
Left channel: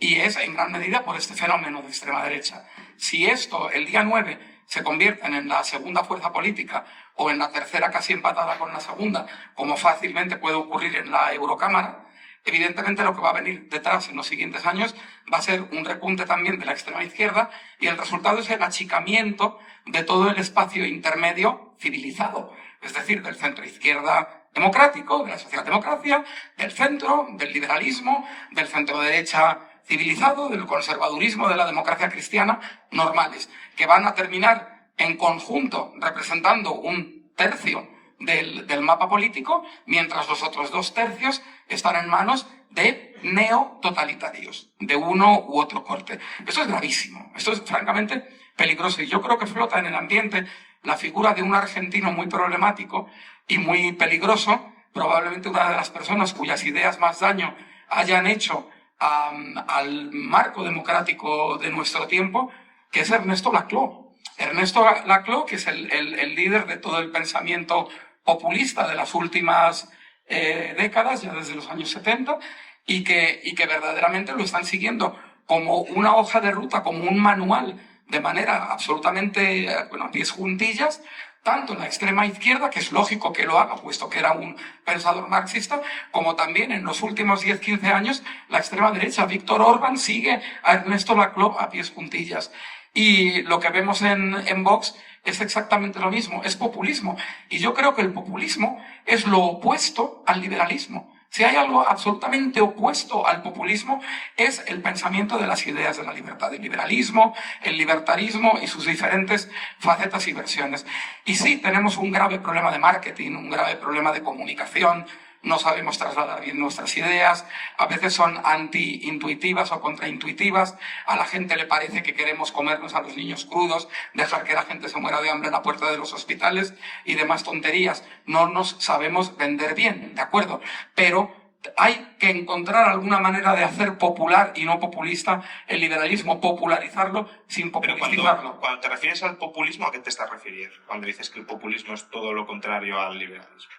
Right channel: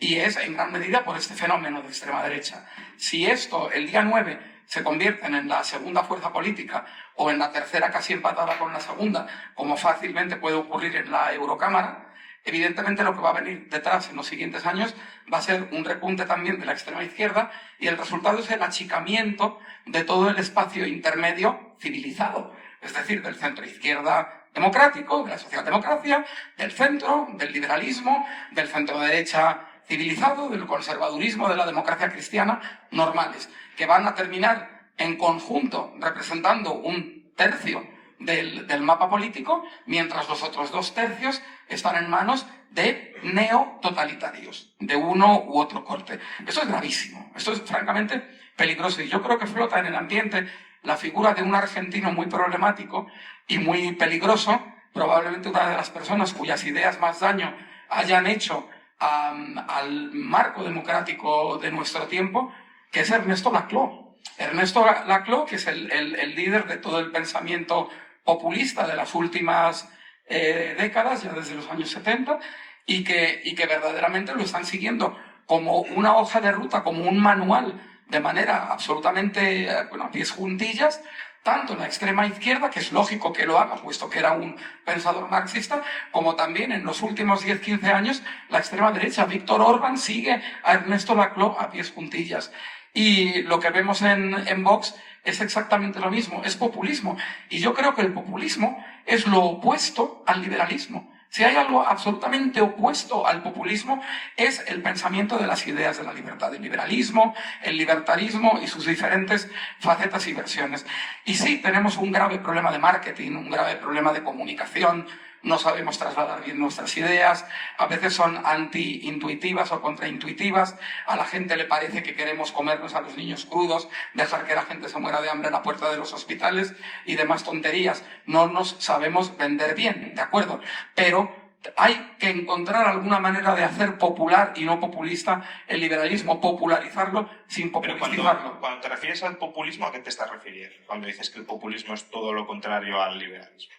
y es en gran medida por este fenómeno de extrema derecha. Si esto el día 9 se convierte en la segunda fuerza política o en la tercera casi empatada con la segunda, como fácilmente puede ocurrir en la Eurocámara, evidentemente lo que va a venir detrás en los siguientes años va a ser un repunte también de la extrema izquierda y el resultado es el achicamiento de todo el espacio intermedio civilizado, es decir, del centro izquierda democrático, de la socialdemocracia, del centro, del liberalismo, del centro derecha civilizado, del conservadurismo, de la democracia cristiana, normales, que van a terminar en conjunto representando un tercio del mapa político, mientras los otros 2 tercios están en manos de neototalitarios, de uno u otro corte. Esto es gravísimo, esto es francamente peligroso, y yo creo que flota en el ambiente la figura de un argentino muy problemático y muy peligroso, probablemente una de las personas cuyas ideas más daño hayan hecho al marco democrático de nuestro tiempo, que es Ernesto Laclau. Ernesto Laclau, que es el líder de todo el pensamiento populista de las últimas décadas, ya desde los años 70, y que verdaderamente lo están siguiendo como una hoja de ruta, como un manual, de manera absolutamente, a pies juntillas, tanto en la extrema izquierda, que es lógico que lo haga, puesto que era un pensador marxista, como también en los últimos 10-15 años la extrema derecha. Víctor Orbán sigue a Ernesto Laclau a pies juntillas. Y lo que vemos en Vox es exactamente lo mismo, es populismo. Y yo creo que el populismo es lo opuesto al liberalismo. Si hay algo absolutamente opuesto al populismo, es el pensamiento de las ideas de la libertad, el liberalismo, el libertarismo y sus diferentes facetas y versiones. Y sí, tenemos un grave problema de marketing, un grave problema de comunicación, no sabemos trasladar bien nuestras ideas, a veces son anti-intuitivas o contraintuitivas, a la gente le parece que queremos comernos a los niños crudos, dejar que la gente se muera de hambre en la puerta de los hospitales y demás tonterías. No nos sabemos vender bien, ¿de acuerdo? Pero hay que encontrar alguna manera de hacer popular y no populista el liberalismo, popularizarlo sin Pero popularizarlo. cuando te refieres al populismo, ¿a qué te estás refiriendo? Cuando dices que el populismo es todo lo contrario al liberalismo.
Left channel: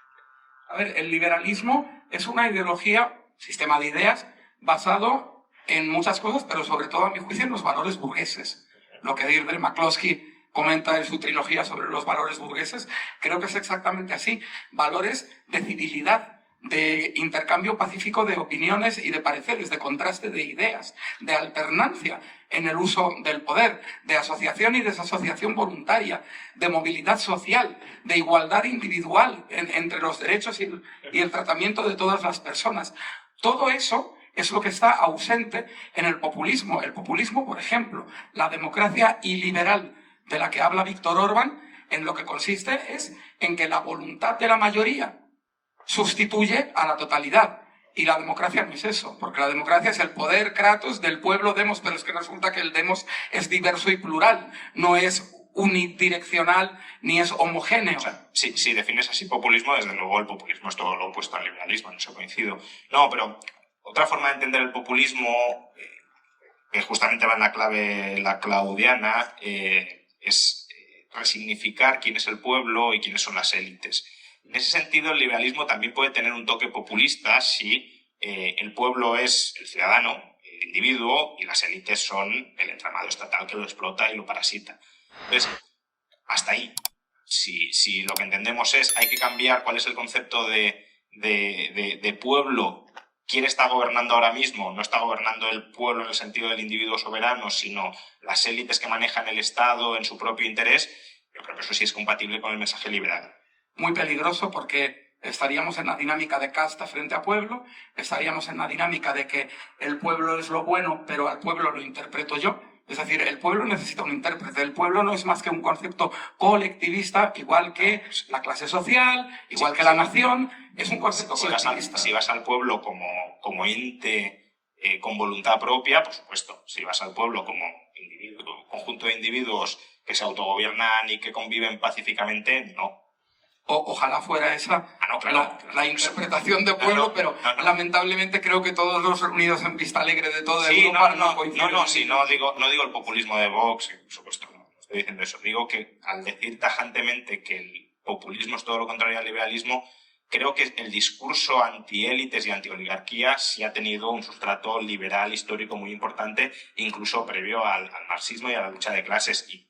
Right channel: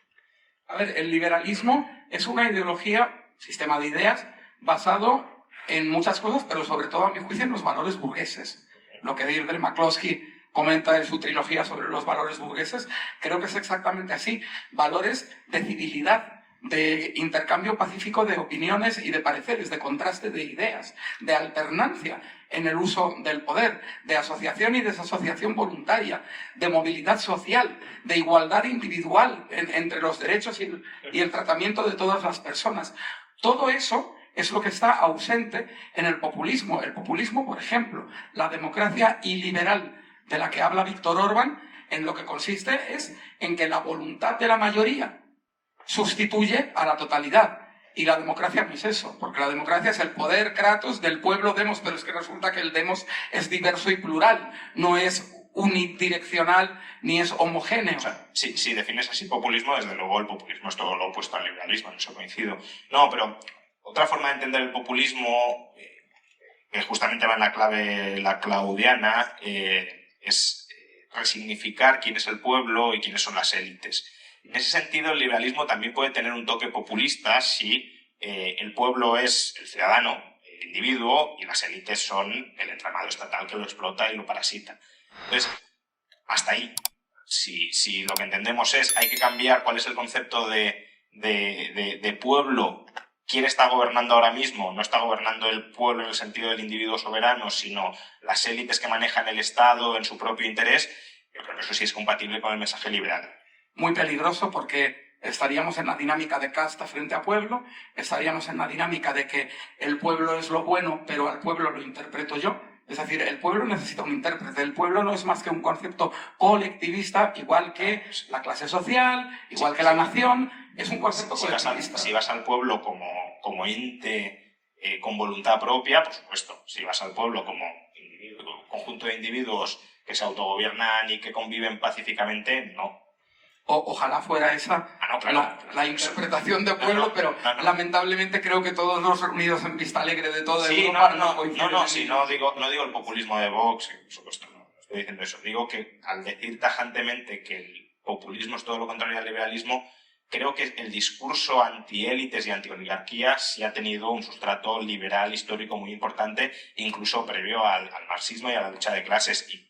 A ver, el liberalismo es una ideología, sistema de ideas, basado en muchas cosas, pero sobre todo, a mi juicio, en los valores burgueses. Lo que Deirdre McCloskey comenta en su trilogía sobre los valores burgueses, creo que es exactamente así. Valores de civilidad, de intercambio pacífico de opiniones y de pareceres, de contraste de ideas, de alternancia en el uso del poder, de asociación y desasociación voluntaria, de movilidad social, de igualdad individual entre los derechos y el tratamiento de todas las personas. Todo eso es lo que está ausente en el populismo. El populismo, por ejemplo, la democracia iliberal de la que habla Víctor Orbán, en lo que consiste es en que la voluntad de la mayoría sustituye a la totalidad. Y la democracia no es eso, porque la democracia es el poder kratos del pueblo demos, pero es que resulta que el demos es diverso y plural, no es unidireccional ni es homogéneo. O sea, si defines así populismo, desde luego el populismo es todo lo opuesto al liberalismo, en eso coincido. No, pero otra forma de entender el populismo, que justamente va en la clave la claudiana, es resignificar quién es el pueblo y quiénes son las élites. En ese sentido, el liberalismo también puede tener un toque populista si el pueblo es el ciudadano, el individuo, y las élites son el entramado estatal que lo explota y lo parasita. Entonces, hasta ahí. Si lo que entendemos es hay que cambiar cuál es el concepto de pueblo, quién está gobernando ahora mismo, no está gobernando el pueblo en el sentido del individuo soberano, sino las élites que manejan el Estado en su propio interés, yo creo que eso sí es compatible con el mensaje liberal. Muy peligroso porque estaríamos en la dinámica de casta frente a pueblo, estaríamos en la dinámica de que el pueblo es lo bueno, pero al pueblo lo interpreto yo. Es decir, el pueblo necesita un intérprete. El pueblo no es más que un concepto colectivista, igual que la clase social, igual que la nación. Es un concepto colectivista. Si vas al pueblo como ente con voluntad propia, por supuesto. Si vas al pueblo como individuo, conjunto de individuos que se autogobiernan y que conviven pacíficamente, no. Ojalá fuera esa la interpretación de pueblo, pero lamentablemente creo que todos los reunidos en Pista Alegre de toda Europa no coinciden. No digo el populismo de Vox, por supuesto, no estoy diciendo eso. Digo que al decir tajantemente que el populismo es todo lo contrario al liberalismo, creo que el discurso antiélites y antioligarquía sí ha tenido un sustrato liberal histórico muy importante, incluso previo al marxismo y a la lucha de clases. Y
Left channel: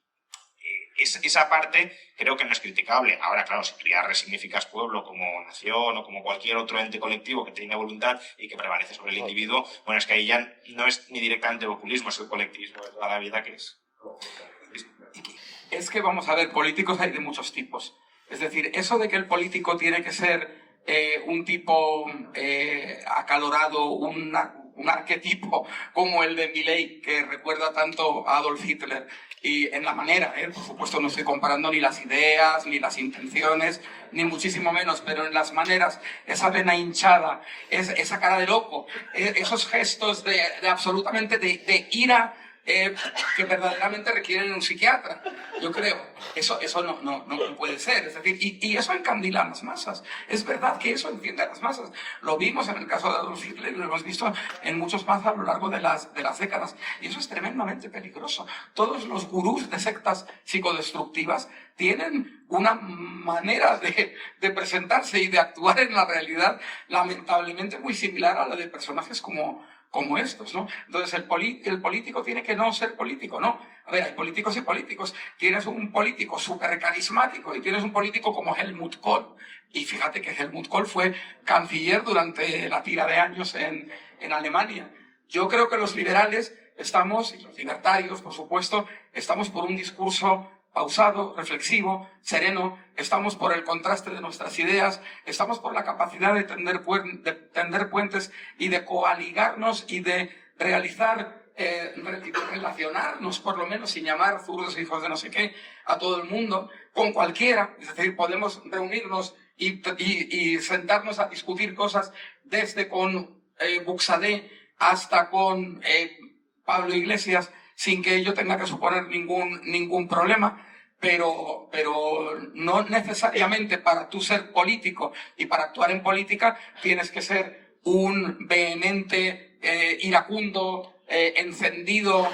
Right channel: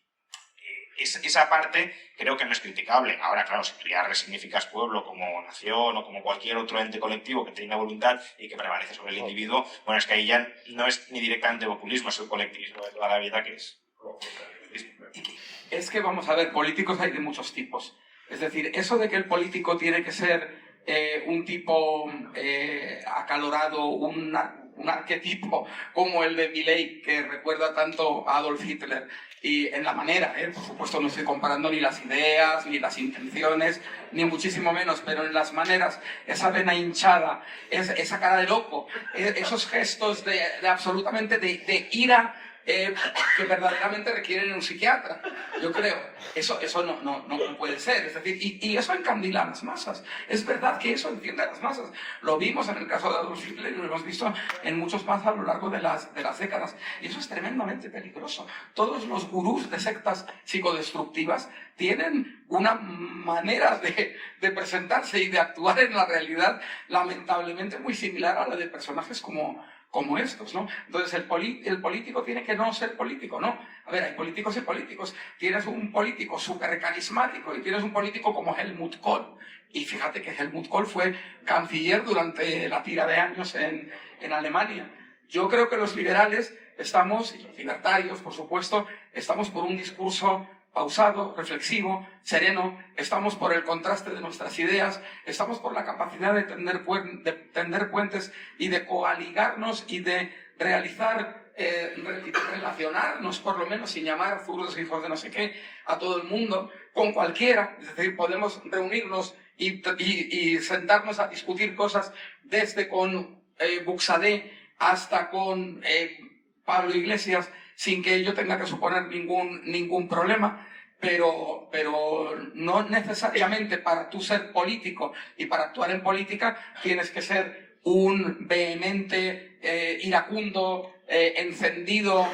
esa parte creo que no es criticable. Ahora, claro, si tú ya resignificas pueblo como nación o como cualquier otro ente colectivo que tiene voluntad y que prevalece sobre el individuo, bueno, es que ahí ya no es ni directamente populismo, es el colectivismo de toda la vida que es. Es que, vamos a ver, políticos hay de muchos tipos. Es decir, eso de que el político tiene que ser un tipo acalorado, un arquetipo como el de Milei, que recuerda tanto a Adolf Hitler, y en la manera, por supuesto no estoy comparando ni las ideas, ni las intenciones, ni muchísimo menos, pero en las maneras, esa vena hinchada, esa cara de loco, esos gestos de absolutamente de ira, que verdaderamente requieren un psiquiatra, yo creo. Eso no puede ser. Es decir, y eso encandila a las masas. Es verdad que eso enciende a las masas. Lo vimos en el caso de Adolf Hitler y lo hemos visto en muchos más a lo largo de las décadas. Y eso es tremendamente peligroso. Todos los gurús de sectas psicodestructivas tienen una manera de presentarse y de actuar en la realidad lamentablemente muy similar a la de personajes como estos, ¿no? Entonces el político tiene que no ser político, ¿no? A ver, hay políticos y políticos. Tienes un político súper carismático y tienes un político como Helmut Kohl. Y fíjate que Helmut Kohl fue canciller durante la tira de años en Alemania. Yo creo que los liberales estamos, y los libertarios, por supuesto, estamos por un discurso pausado, reflexivo, sereno, estamos por el contraste de nuestras ideas, estamos por la capacidad de tender puentes y de coaligarnos y de realizar, relacionarnos, por lo menos sin llamar zurdos hijos de no sé qué, a todo el mundo, con cualquiera. Es decir, podemos reunirnos y sentarnos a discutir cosas desde con Buxadé hasta con Pablo Iglesias, sin que ello tenga que suponer ningún problema, pero no necesariamente para tú ser político y para actuar en política tienes que ser un vehemente, iracundo, encendido,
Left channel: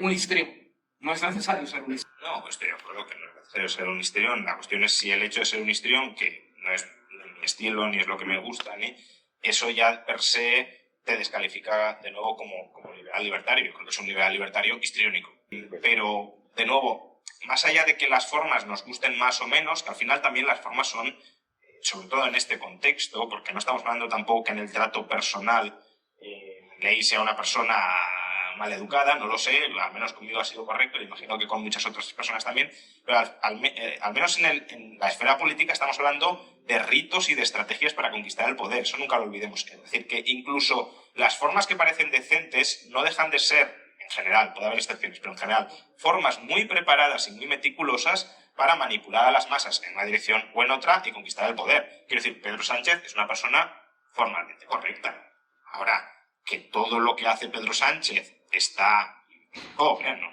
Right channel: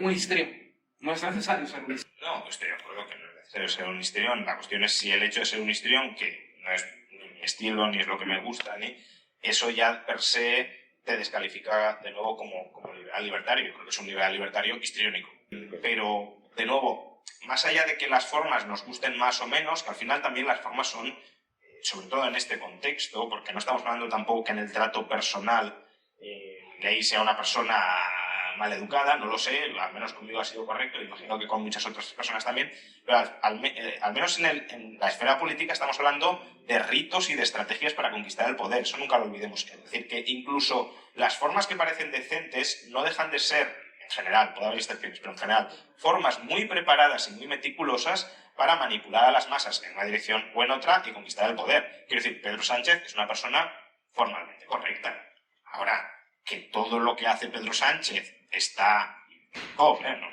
un histrión. No es necesario ser un histrión. No, estoy de acuerdo que no es necesario ser un histrión. La cuestión es si el hecho de ser un histrión, que no es ni mi estilo, ni es lo que me gusta, ni eso ya per se te descalifica de nuevo como liberal libertario. Yo creo que es un liberal libertario histriónico. Pero, de nuevo, más allá de que las formas nos gusten más o menos, que al final también las formas son, sobre todo en este contexto, porque no estamos hablando tampoco que en el trato personal Milei sea una persona maleducada, no lo sé, al menos conmigo ha sido correcto, y imagino que con muchas otras personas también, pero al menos en la esfera política estamos hablando de ritos y de estrategias para conquistar el poder, eso nunca lo olvidemos. Es decir, que incluso las formas que parecen decentes no dejan de ser, en general, puede haber excepciones, pero en general, formas muy preparadas y muy meticulosas para manipular a las masas en una dirección o en otra y conquistar el poder. Quiero decir, Pedro Sánchez es una persona formalmente correcta. Ahora, que todo lo que hace Pedro Sánchez está... Bueno,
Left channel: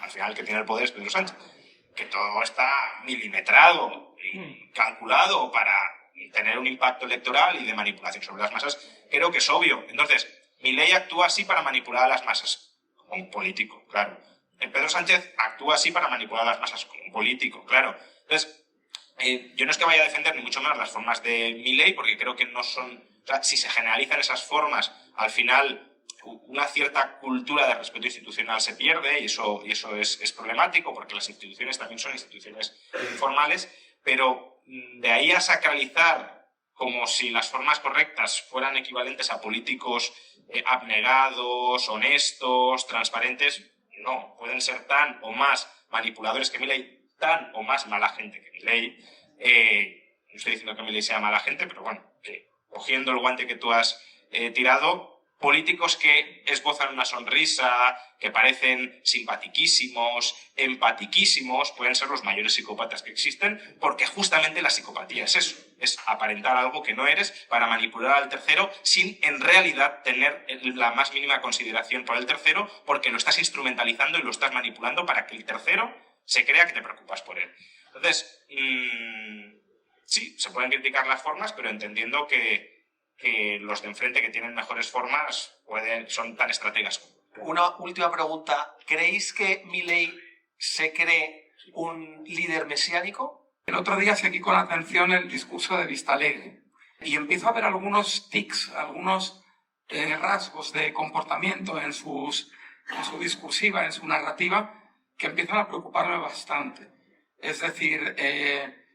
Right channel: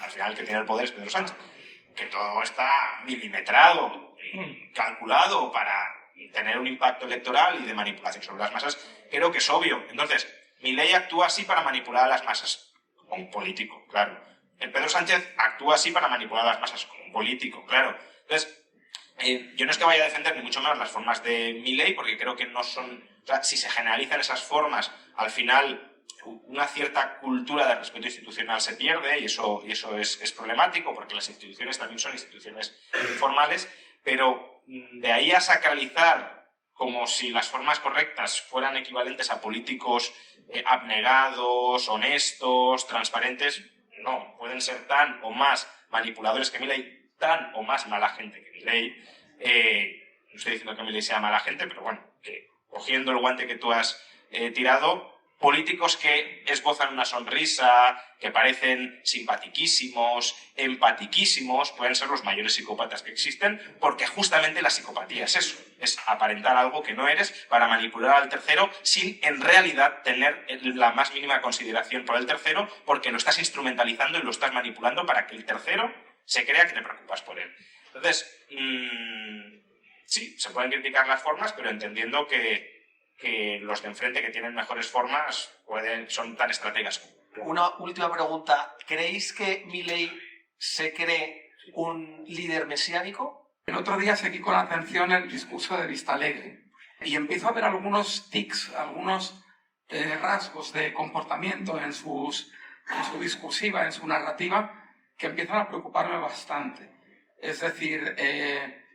al final el que tiene el poder es Pedro Sánchez. Que todo está milimetrado y calculado para tener un impacto electoral y de manipulación sobre las masas, creo que es obvio. Entonces, Milei actúa así para manipular a las masas, como un político, claro. El Pedro Sánchez actúa así para manipular a las masas, como un político, claro. Entonces, yo no es que vaya a defender ni mucho menos las formas de Milei, porque creo que no son... O sea, si se generalizan esas formas, al final una cierta cultura de respeto institucional se pierde, y eso es problemático, porque las instituciones también son instituciones informales, pero de ahí a sacralizar como si las formas correctas fueran equivalentes a políticos abnegados, honestos, transparentes, no, pueden ser tan o más manipuladores que Milei, tan o más mala gente que Milei. No estoy diciendo que Milei sea mala gente, pero bueno, que cogiendo el guante que tú has tirado, políticos que esbozan una sonrisa, que parecen simpatiquísimos, empatiquísimos, pueden ser los mayores psicópatas que existen, porque justamente la psicopatía es eso, es aparentar algo que no eres para manipular al tercero sin en realidad tener la más mínima consideración por el tercero, porque lo estás instrumentalizando y lo estás manipulando para que el tercero se crea que te preocupas por él. Entonces, sí, se pueden criticar las formas, pero entendiendo que los de enfrente que tienen mejores formas son tan estrategas. Una última pregunta. ¿Creéis que Milei se cree un líder mesiánico? El otro día seguí con atención el discurso de Vistalegre y empiezo a ver algunos tics, algunos rasgos de comportamiento en su discursiva, en su narrativa, que empiezan a preocuparme bastante. Es decir,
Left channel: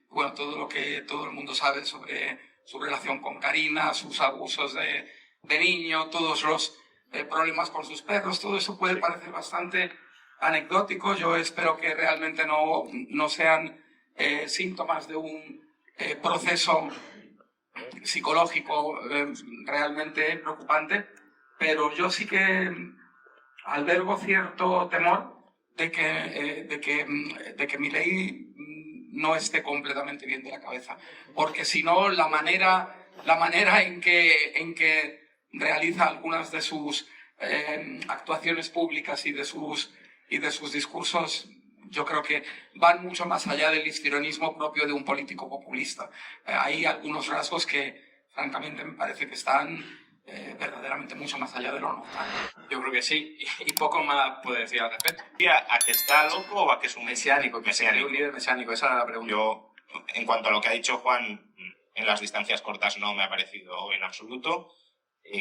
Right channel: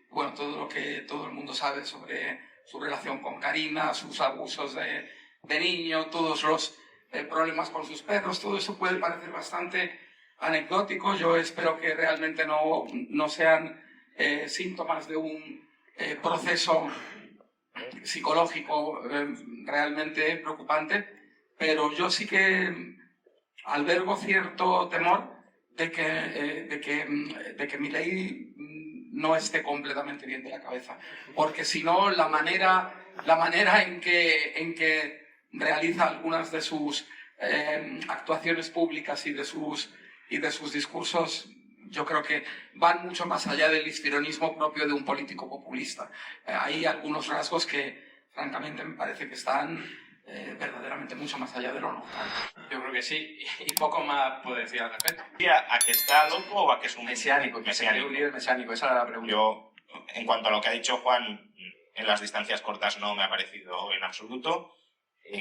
bueno, todo lo que todo el mundo sabe sobre su relación con Karina, sus abusos de niño, todos los problemas con sus perros, todo eso puede parecer bastante anecdótico. Yo espero que realmente no sean síntomas de un proceso psicológico realmente preocupante, pero yo sí que albergo cierto temor de que Milei no esté completamente bien de la cabeza, porque si no, la manera en que realiza algunas de sus actuaciones públicas y de sus discursos, yo creo que van mucho más allá del histrionismo propio de un político populista. Hay algunos rasgos que, francamente, me parece que están verdaderamente mucho más allá de lo normal. Yo creo que sí, y poco más puedo decir al respecto. ¿A que está loco o a que es un Mesiánico, un líder mesiánico, esa era la pregunta. Yo, en cuanto a lo que ha dicho Juan, en las distancias cortas no me ha parecido en absoluto.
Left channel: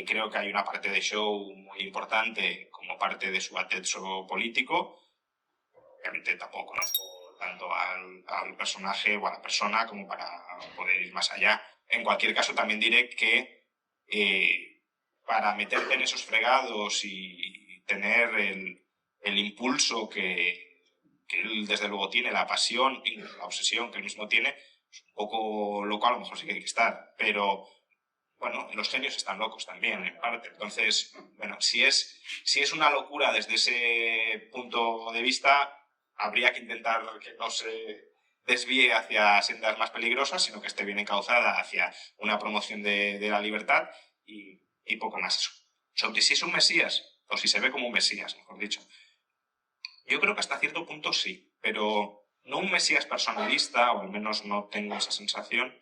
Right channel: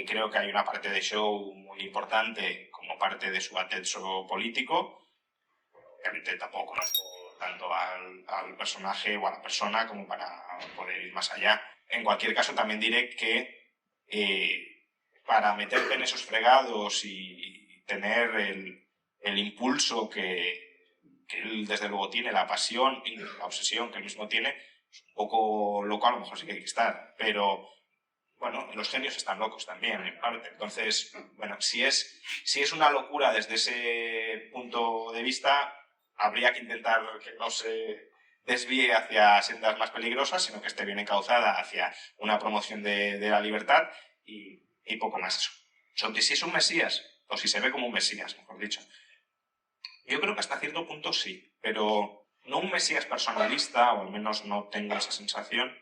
Creo que hay una parte de show muy importante como parte de su atezzo político. Obviamente tampoco conozco tanto al personaje o a la persona como para poder ir más allá. En cualquier caso, también diré que para meterte en esos fregados y tener el impulso que él desde luego tiene, la pasión y la obsesión que él mismo tiene, es un poco loco, a lo mejor sí que hay que estar, pero bueno, los genios están locos también, en parte. Entonces, bueno, si es una locura desde ese punto de vista, habría que intentar que no se desvíe hacia sendas más peligrosas, sino que esté bien encauzada hacia una promoción de la libertad y poco más eso. Sobre si es un mesías, o si se ve como un mesías, mejor dicho. Yo creo que hasta cierto punto sí, pero no un mesías personalista, o al menos no tengo esa sensación,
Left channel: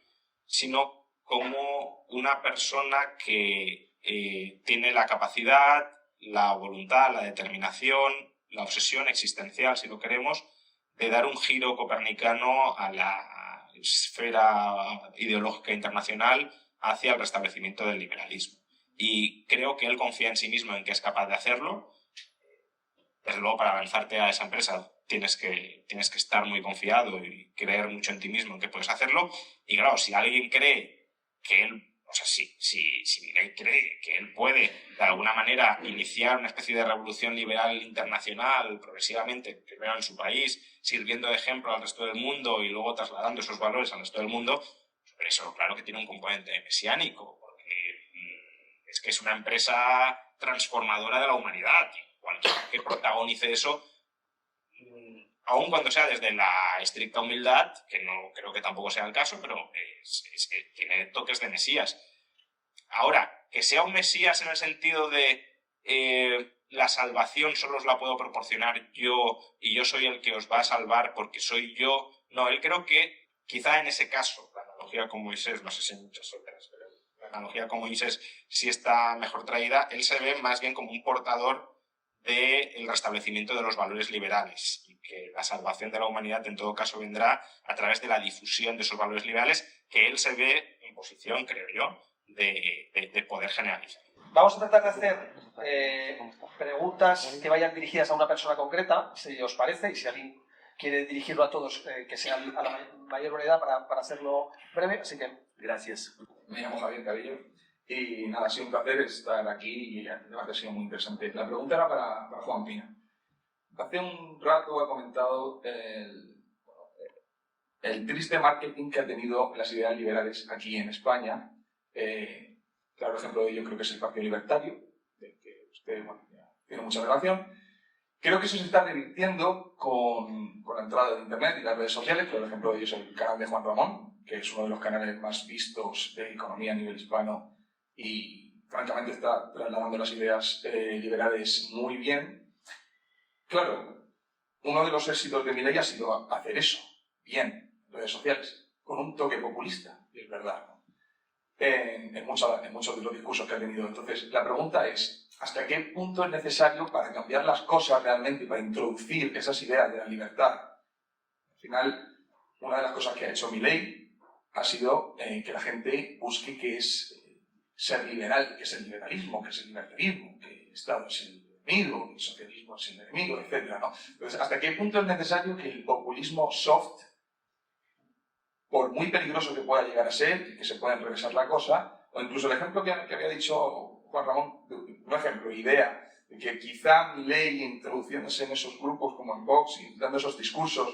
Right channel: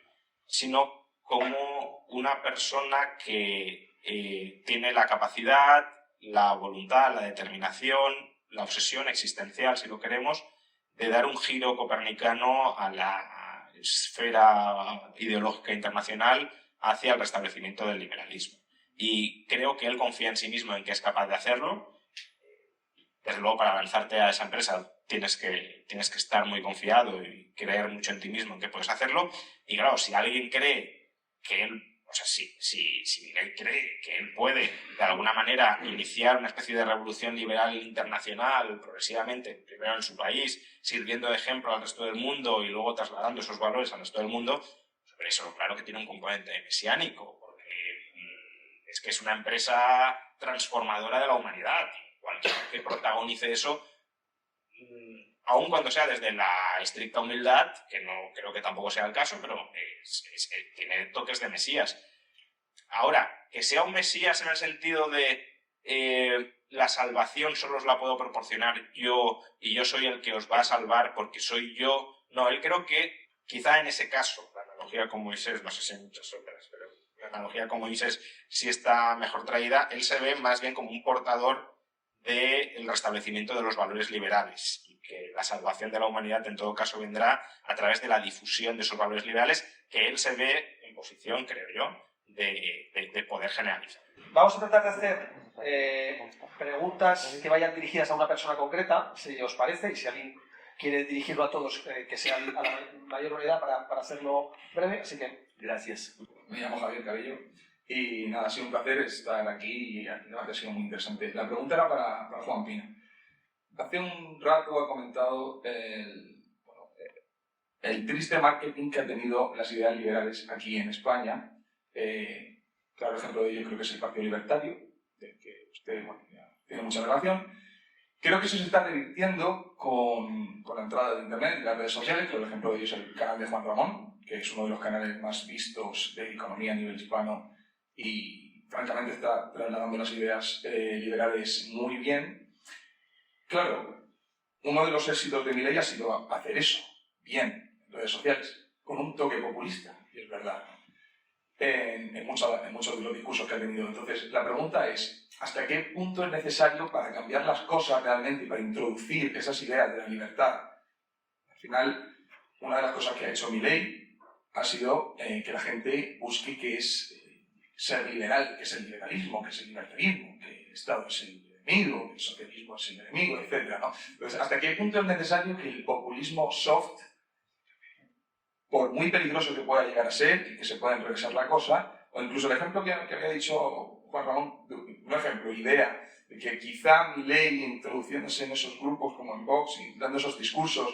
sino como una persona que tiene la capacidad, la voluntad, la determinación, la obsesión existencial, si lo queremos, de dar un giro copernicano a la esfera ideológica internacional hacia el restablecimiento del liberalismo. Y creo que él confía en sí mismo, en que es capaz de hacerlo. Desde luego, para lanzarte a esa empresa tienes que estar muy confiado y creer mucho en ti mismo, en que puedes hacerlo. Y claro, si alguien cree que él, o sea, si Miguel cree que él puede, de alguna manera, iniciar una especie de revolución liberal internacional progresivamente, primero en su país, sirviendo de ejemplo al resto del mundo y luego trasladando esos valores al resto del mundo, pero eso claro que tiene un componente mesiánico, porque es que es una empresa transformadora de la humanidad. Cualquiera que protagonice eso, aun cuando sea desde la estricta humildad, que no creo que tampoco sea el caso, pero tiene toques de mesías. Ahora, que sea un mesías en el sentido de la salvación solo os la puedo proporcionar yo y yo soy el que os va a salvar porque soy yo. No, él creo que quizá en ese caso, la analogía con Moisés, no sé si hay muchas otras, pero la analogía con Moisés sí está mejor traída. Él se ve más bien como un portador del restablecimiento de los valores liberales y que la salvación de la humanidad en todo caso vendrá a través de la difusión de esos valores liberales que él se ve en posición, creo yo, de poder generalizar. Vamos a tratar de hacer preguntas que vayan dirigidas a una persona concreta, si os parece, y si alguien quiere dirigirlo a todos, que sea a la mayor brevedad para hacerlo breve, así que... Gracias. Me llamo Javier Cabello y nada, ha sido un placer estar aquí y el debate ha sido muy interesante. La pregunta era para Juan Pina. Hace un rato ha comentado el triste marketing que han tenido las ideas liberales aquí en España. Claro ejemplo de ello creo que es el Partido Libertario, del que usted tiene mucha relación. Creo que eso se está revirtiendo con la entrada de Internet y las redes sociales. Claro ejemplo de ello es el canal de Juan Ramón, que es uno de los canales más vistos de economía a nivel hispano y francamente está trasladando las ideas liberales muy bien. Claro, uno de los éxitos de Milei ha sido hacer eso, bien, en redes sociales, con un toque populista, y es verdad, en muchos de los discursos que ha tenido. Entonces, la pregunta es, ¿hasta qué punto es necesario para cambiar las cosas realmente y para introducir esas ideas de la libertad? Al final, una de las cosas que ha hecho Milei ha sido que la gente busque qué es ser liberal, qué es el liberalismo, qué es el libertarismo, que el Estado es el enemigo, que el socialismo es el enemigo, etc., ¿no? Entonces, ¿hasta qué punto es necesario que el populismo soft, por muy peligroso que pueda llegar a ser y que se pueda enrevesar la cosa, o incluso el ejemplo que había dicho Juan Ramón, un ejemplo, idea, de que quizá Milei introduciéndose en esos grupos como en Vox y dando esos discursos,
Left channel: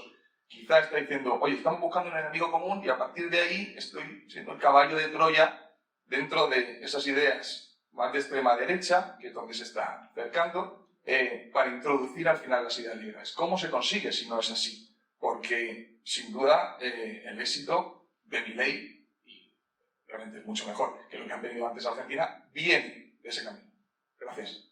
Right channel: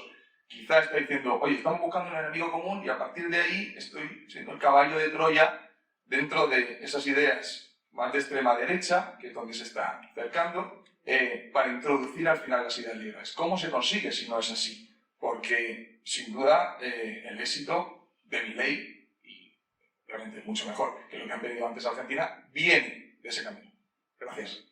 quizá está diciendo, oye, estamos buscando un enemigo común y a partir de ahí estoy siendo el caballo de Troya dentro de esas ideas más de extrema derecha, que es donde se está acercando, para introducir al final las ideas liberales. ¿Cómo se consigue si no es así? Porque, sin duda, el éxito de Milei, y realmente es mucho mejor que lo que han venido antes a Argentina, viene de ese camino. Gracias.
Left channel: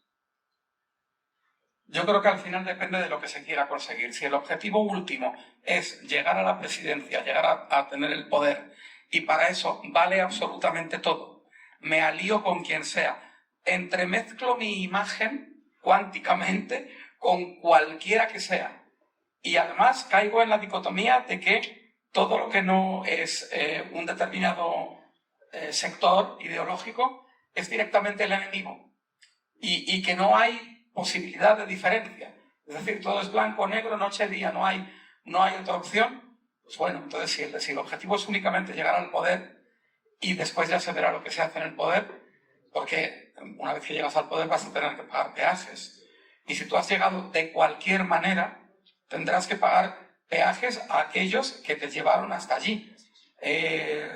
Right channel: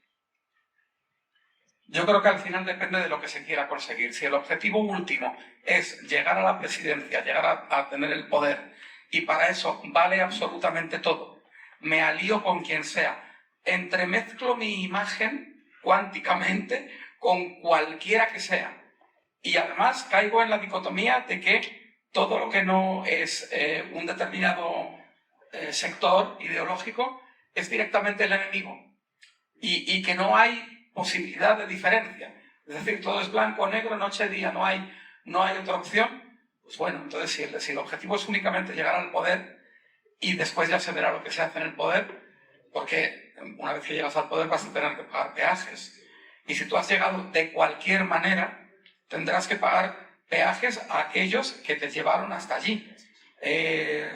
Yo creo que al final depende de lo que se quiera conseguir. Si el objetivo último es llegar a la presidencia, llegar a tener el poder, y para eso vale absolutamente todo, me alío con quien sea, entremezclo mi imagen cuánticamente con cualquiera que sea, y además caigo en la dicotomía de que todo lo que no es un determinado sector ideológico es directamente el enemigo, y que no hay posibilidad de diferencia. Es decir, todo es blanco, negro, noche, día, no hay otra opción. Pues bueno, entonces si el objetivo es únicamente llegar al poder y después ya se verá lo que se hace en el poder, porque una vez que llegas al poder vas a tener que pagar peajes. Y si tú has llegado de cualquier manera, tendrás que pagar peajes a aquellos que te llevaron hasta allí.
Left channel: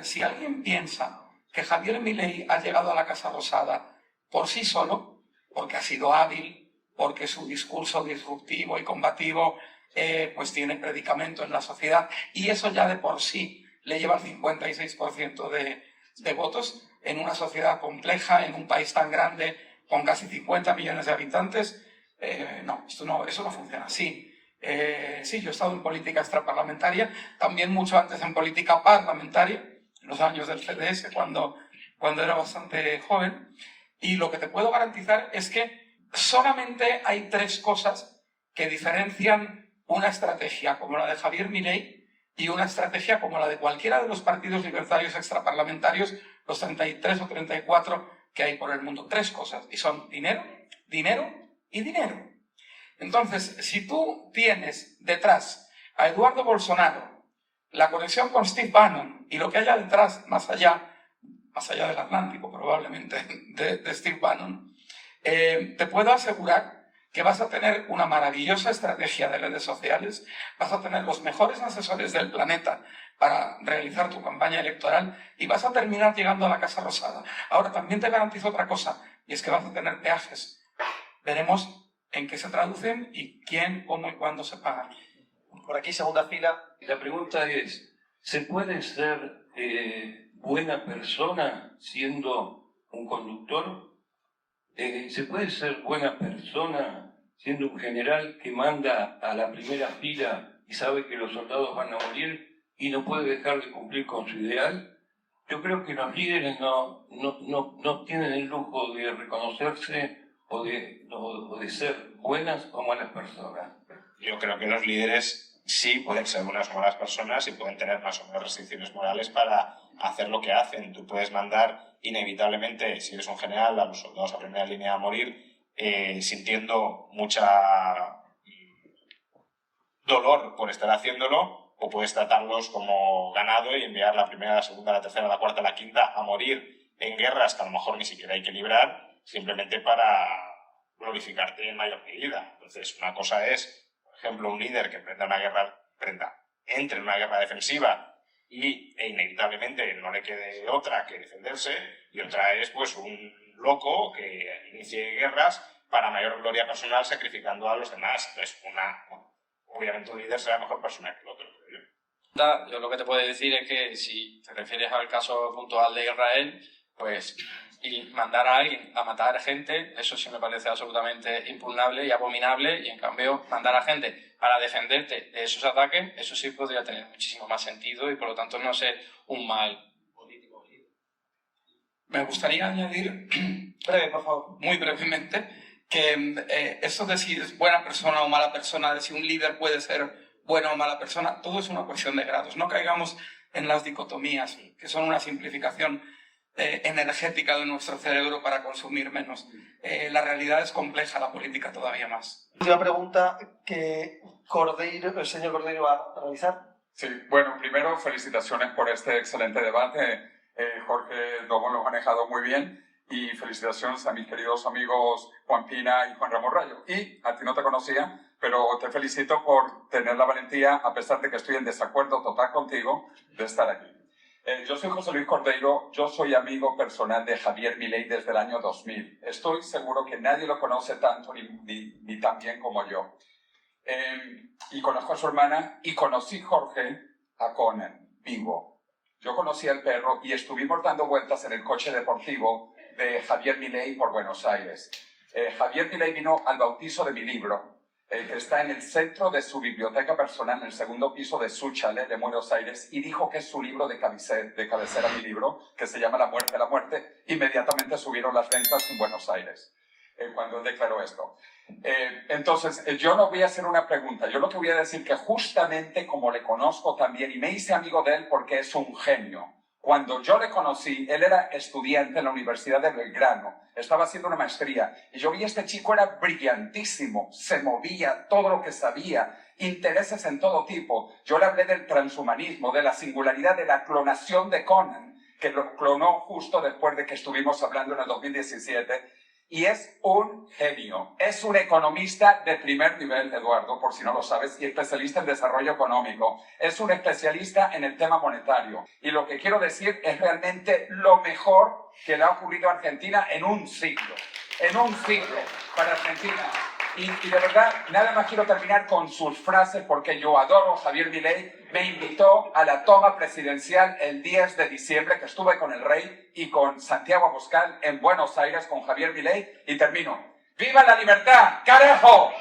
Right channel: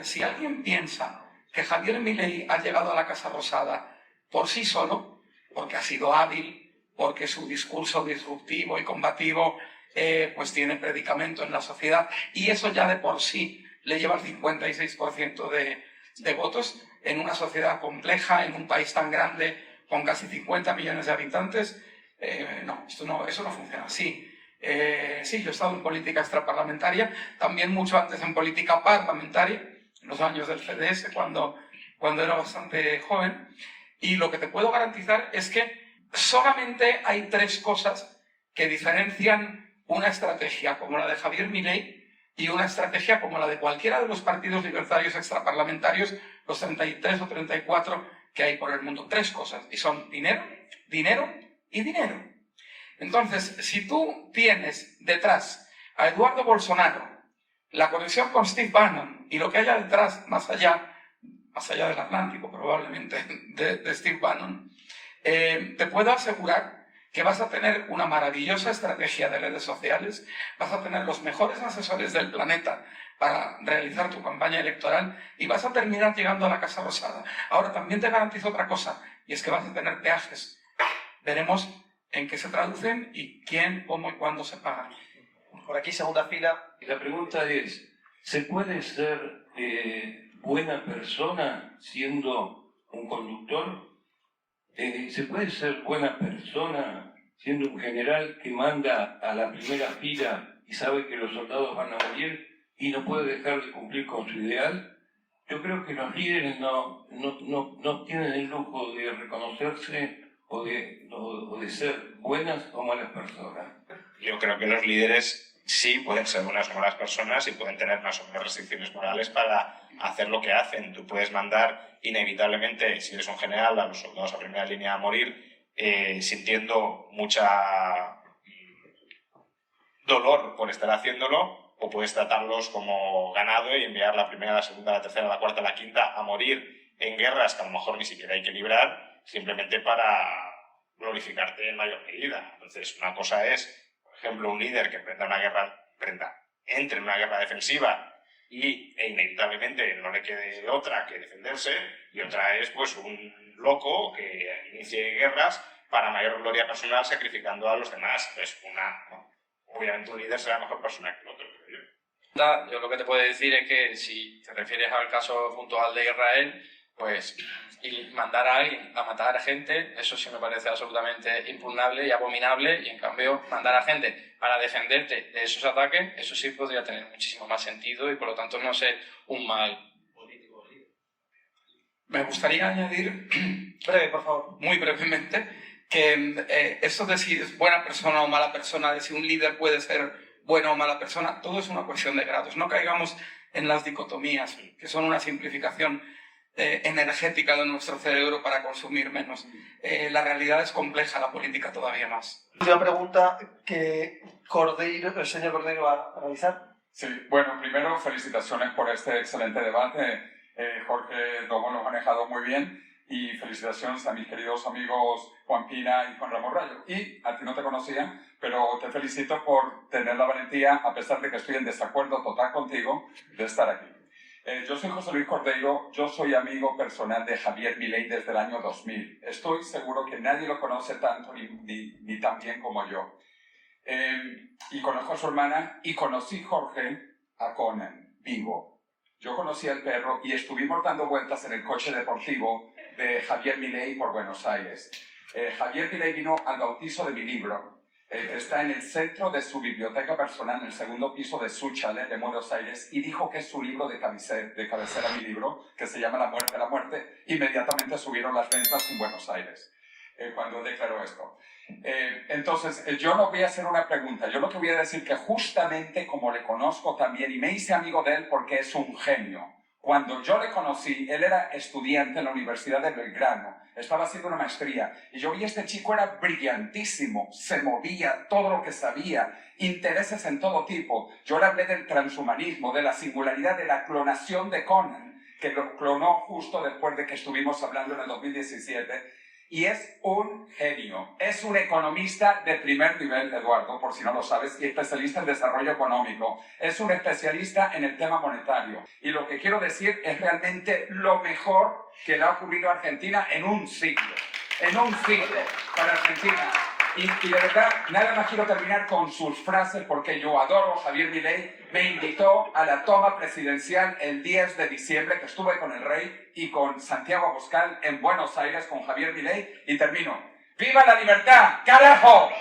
Si alguien piensa que Javier Milei ha llegado a la Casa Rosada por sí solo, porque ha sido hábil, porque su discurso disruptivo y combativo pues tiene predicamento en la sociedad, y eso ya de por sí le lleva al 56% de votos en una sociedad compleja, en un país tan grande, con casi 50 millones de habitantes. Eso no funciona así. Sí, yo he estado en política extraparlamentaria, también mucho antes en política parlamentaria, en los años del CDS, cuando era bastante joven, y lo que te puedo garantizar es que solamente hay 3 cosas que diferencian una estrategia como la de Javier Milei y una estrategia como la de cualquiera de los partidos libertarios extraparlamentarios, los 33 o 34 que hay por el mundo. 3 cosas, y son dinero, dinero y dinero. Entonces, si tú tienes detrás a Eduardo Bolsonaro, la conexión con Steve Bannon y lo que haya detrás, más allá del Atlántico probablemente, de Steve Bannon, te puedo asegurar que vas a tener una maravillosa estrategia de redes sociales, vas a tener los mejores asesores del planeta para realizar tu campaña electoral y vas a terminar llegando a la Casa Rosada. Ahora, también te garantizo otra cosa, y es que vas a tener peajes. Veremos en qué se traducen y quién, cómo y cuándo se pagan. Por aquí, segunda fila. La pregunta es, ¿se puede ser buena persona siendo un conductor? ¿Se puede ser buena persona siendo un general que manda a la primera fila y sabe que los soldados van a morir y no puede dejar de cumplir con su ideal? Yo creo que los líderes no tienen el lujo de reconocerse o de ser buenas o malas personas. Yo creo que los líderes sí pueden ser unas buenas personas y pueden tener más o menos restricciones morales para hacer lo que hacen. Tú puedes mandar inevitablemente, si eres un general, a los soldados a primera línea a morir, sintiendo mucha dolor por estar haciéndolo, o puedes tratarlos como ganado y enviar la primera, la segunda, la tercera, la cuarta, la quinta a morir en guerras que a lo mejor ni siquiera hay que librar, simplemente para glorificarte en mayor medida. Entonces, una cosa es, por ejemplo, un líder que entre en una guerra defensiva e inevitablemente no le quede otra que defenderse, y otra es pues un loco que inicie guerras para mayor gloria personal sacrificando a los demás. Entonces, obviamente un líder será mejor persona que el otro, creo yo. Yo lo que te puedo decir es que si te refieres al caso puntual de Israel, pues y mandar a alguien a matar a gente, eso sí me parece absolutamente impugnable y abominable, y en cambio mandar a gente para defenderte de esos ataques, eso sí podría tener muchísimo más sentido y por lo tanto no ser un mal político. Me gustaría añadir, Breve, por favor. muy brevemente, que eso de si es buena persona o mala persona, de si un líder puede ser buena o mala persona, todo es una cuestión de grados. No caigamos en las dicotomías, que son una simplificación energética de nuestro cerebro para consumir menos. La realidad es compleja, la política todavía más. Última pregunta que el señor Cordeiro va a realizar. Sí, bueno, primero felicitaciones por este excelente debate. Jorge lo ha manejado muy bien, y felicitaciones a mis queridos amigos Juan Pina y Juan Ramón Rayo. Y a ti no te conocía, pero te felicito por tener la valentía, a pesar de que estoy en desacuerdo total contigo, de estar aquí. Yo soy José Luis Cordeiro, yo soy amigo personal de Javier Milei desde el año 2000. Estoy seguro que nadie lo conoce tanto ni tan bien como yo. Y conozco a su hermana, y conocí Jorge a Conan, vivo. Yo conocí al perro y estuvimos dando vueltas en el coche deportivo de Javier Milei por Buenos Aires. Javier Milei vino al bautizo de mi libro. Está en el centro de su biblioteca personal, en el segundo piso de su chalet de Buenos Aires, y dijo que es su libro de cabecera, mi libro, que se llama La muerte, la muerte. Inmediatamente subieron las ventas en Buenos Aires, cuando declaró esto. Entonces, yo no voy a hacer una pregunta, yo lo que voy a decir que justamente como le conozco también, y me hice amigo de él porque es un genio. Cuando yo le conocí, él era estudiante en la Universidad de Belgrano, estaba haciendo una maestría, y yo vi a este chico, era brillantísimo, se movía, todo lo que sabía, intereses en todo tipo. Yo le hablé del transhumanismo, de la singularidad de la clonación de Conan, que lo clonó justo después de que estuvimos hablando en el 2017, y es un genio. Es un economista de primer nivel, Eduardo, por si no lo sabes, y especialista en desarrollo económico. Es un especialista en el tema monetario. Y lo que quiero decir es realmente lo mejor que le ha ocurrido a Argentina en un siglo. En un siglo para Argentina. Y de verdad, nada más quiero terminar con sus frases porque yo adoro a Javier Milei. Me invitó a la toma presidencial el 10 de diciembre, que estuve con el rey y con Santiago Abascal en Buenos Aires con Javier Milei. Y termino. ¡Viva la libertad, carajo!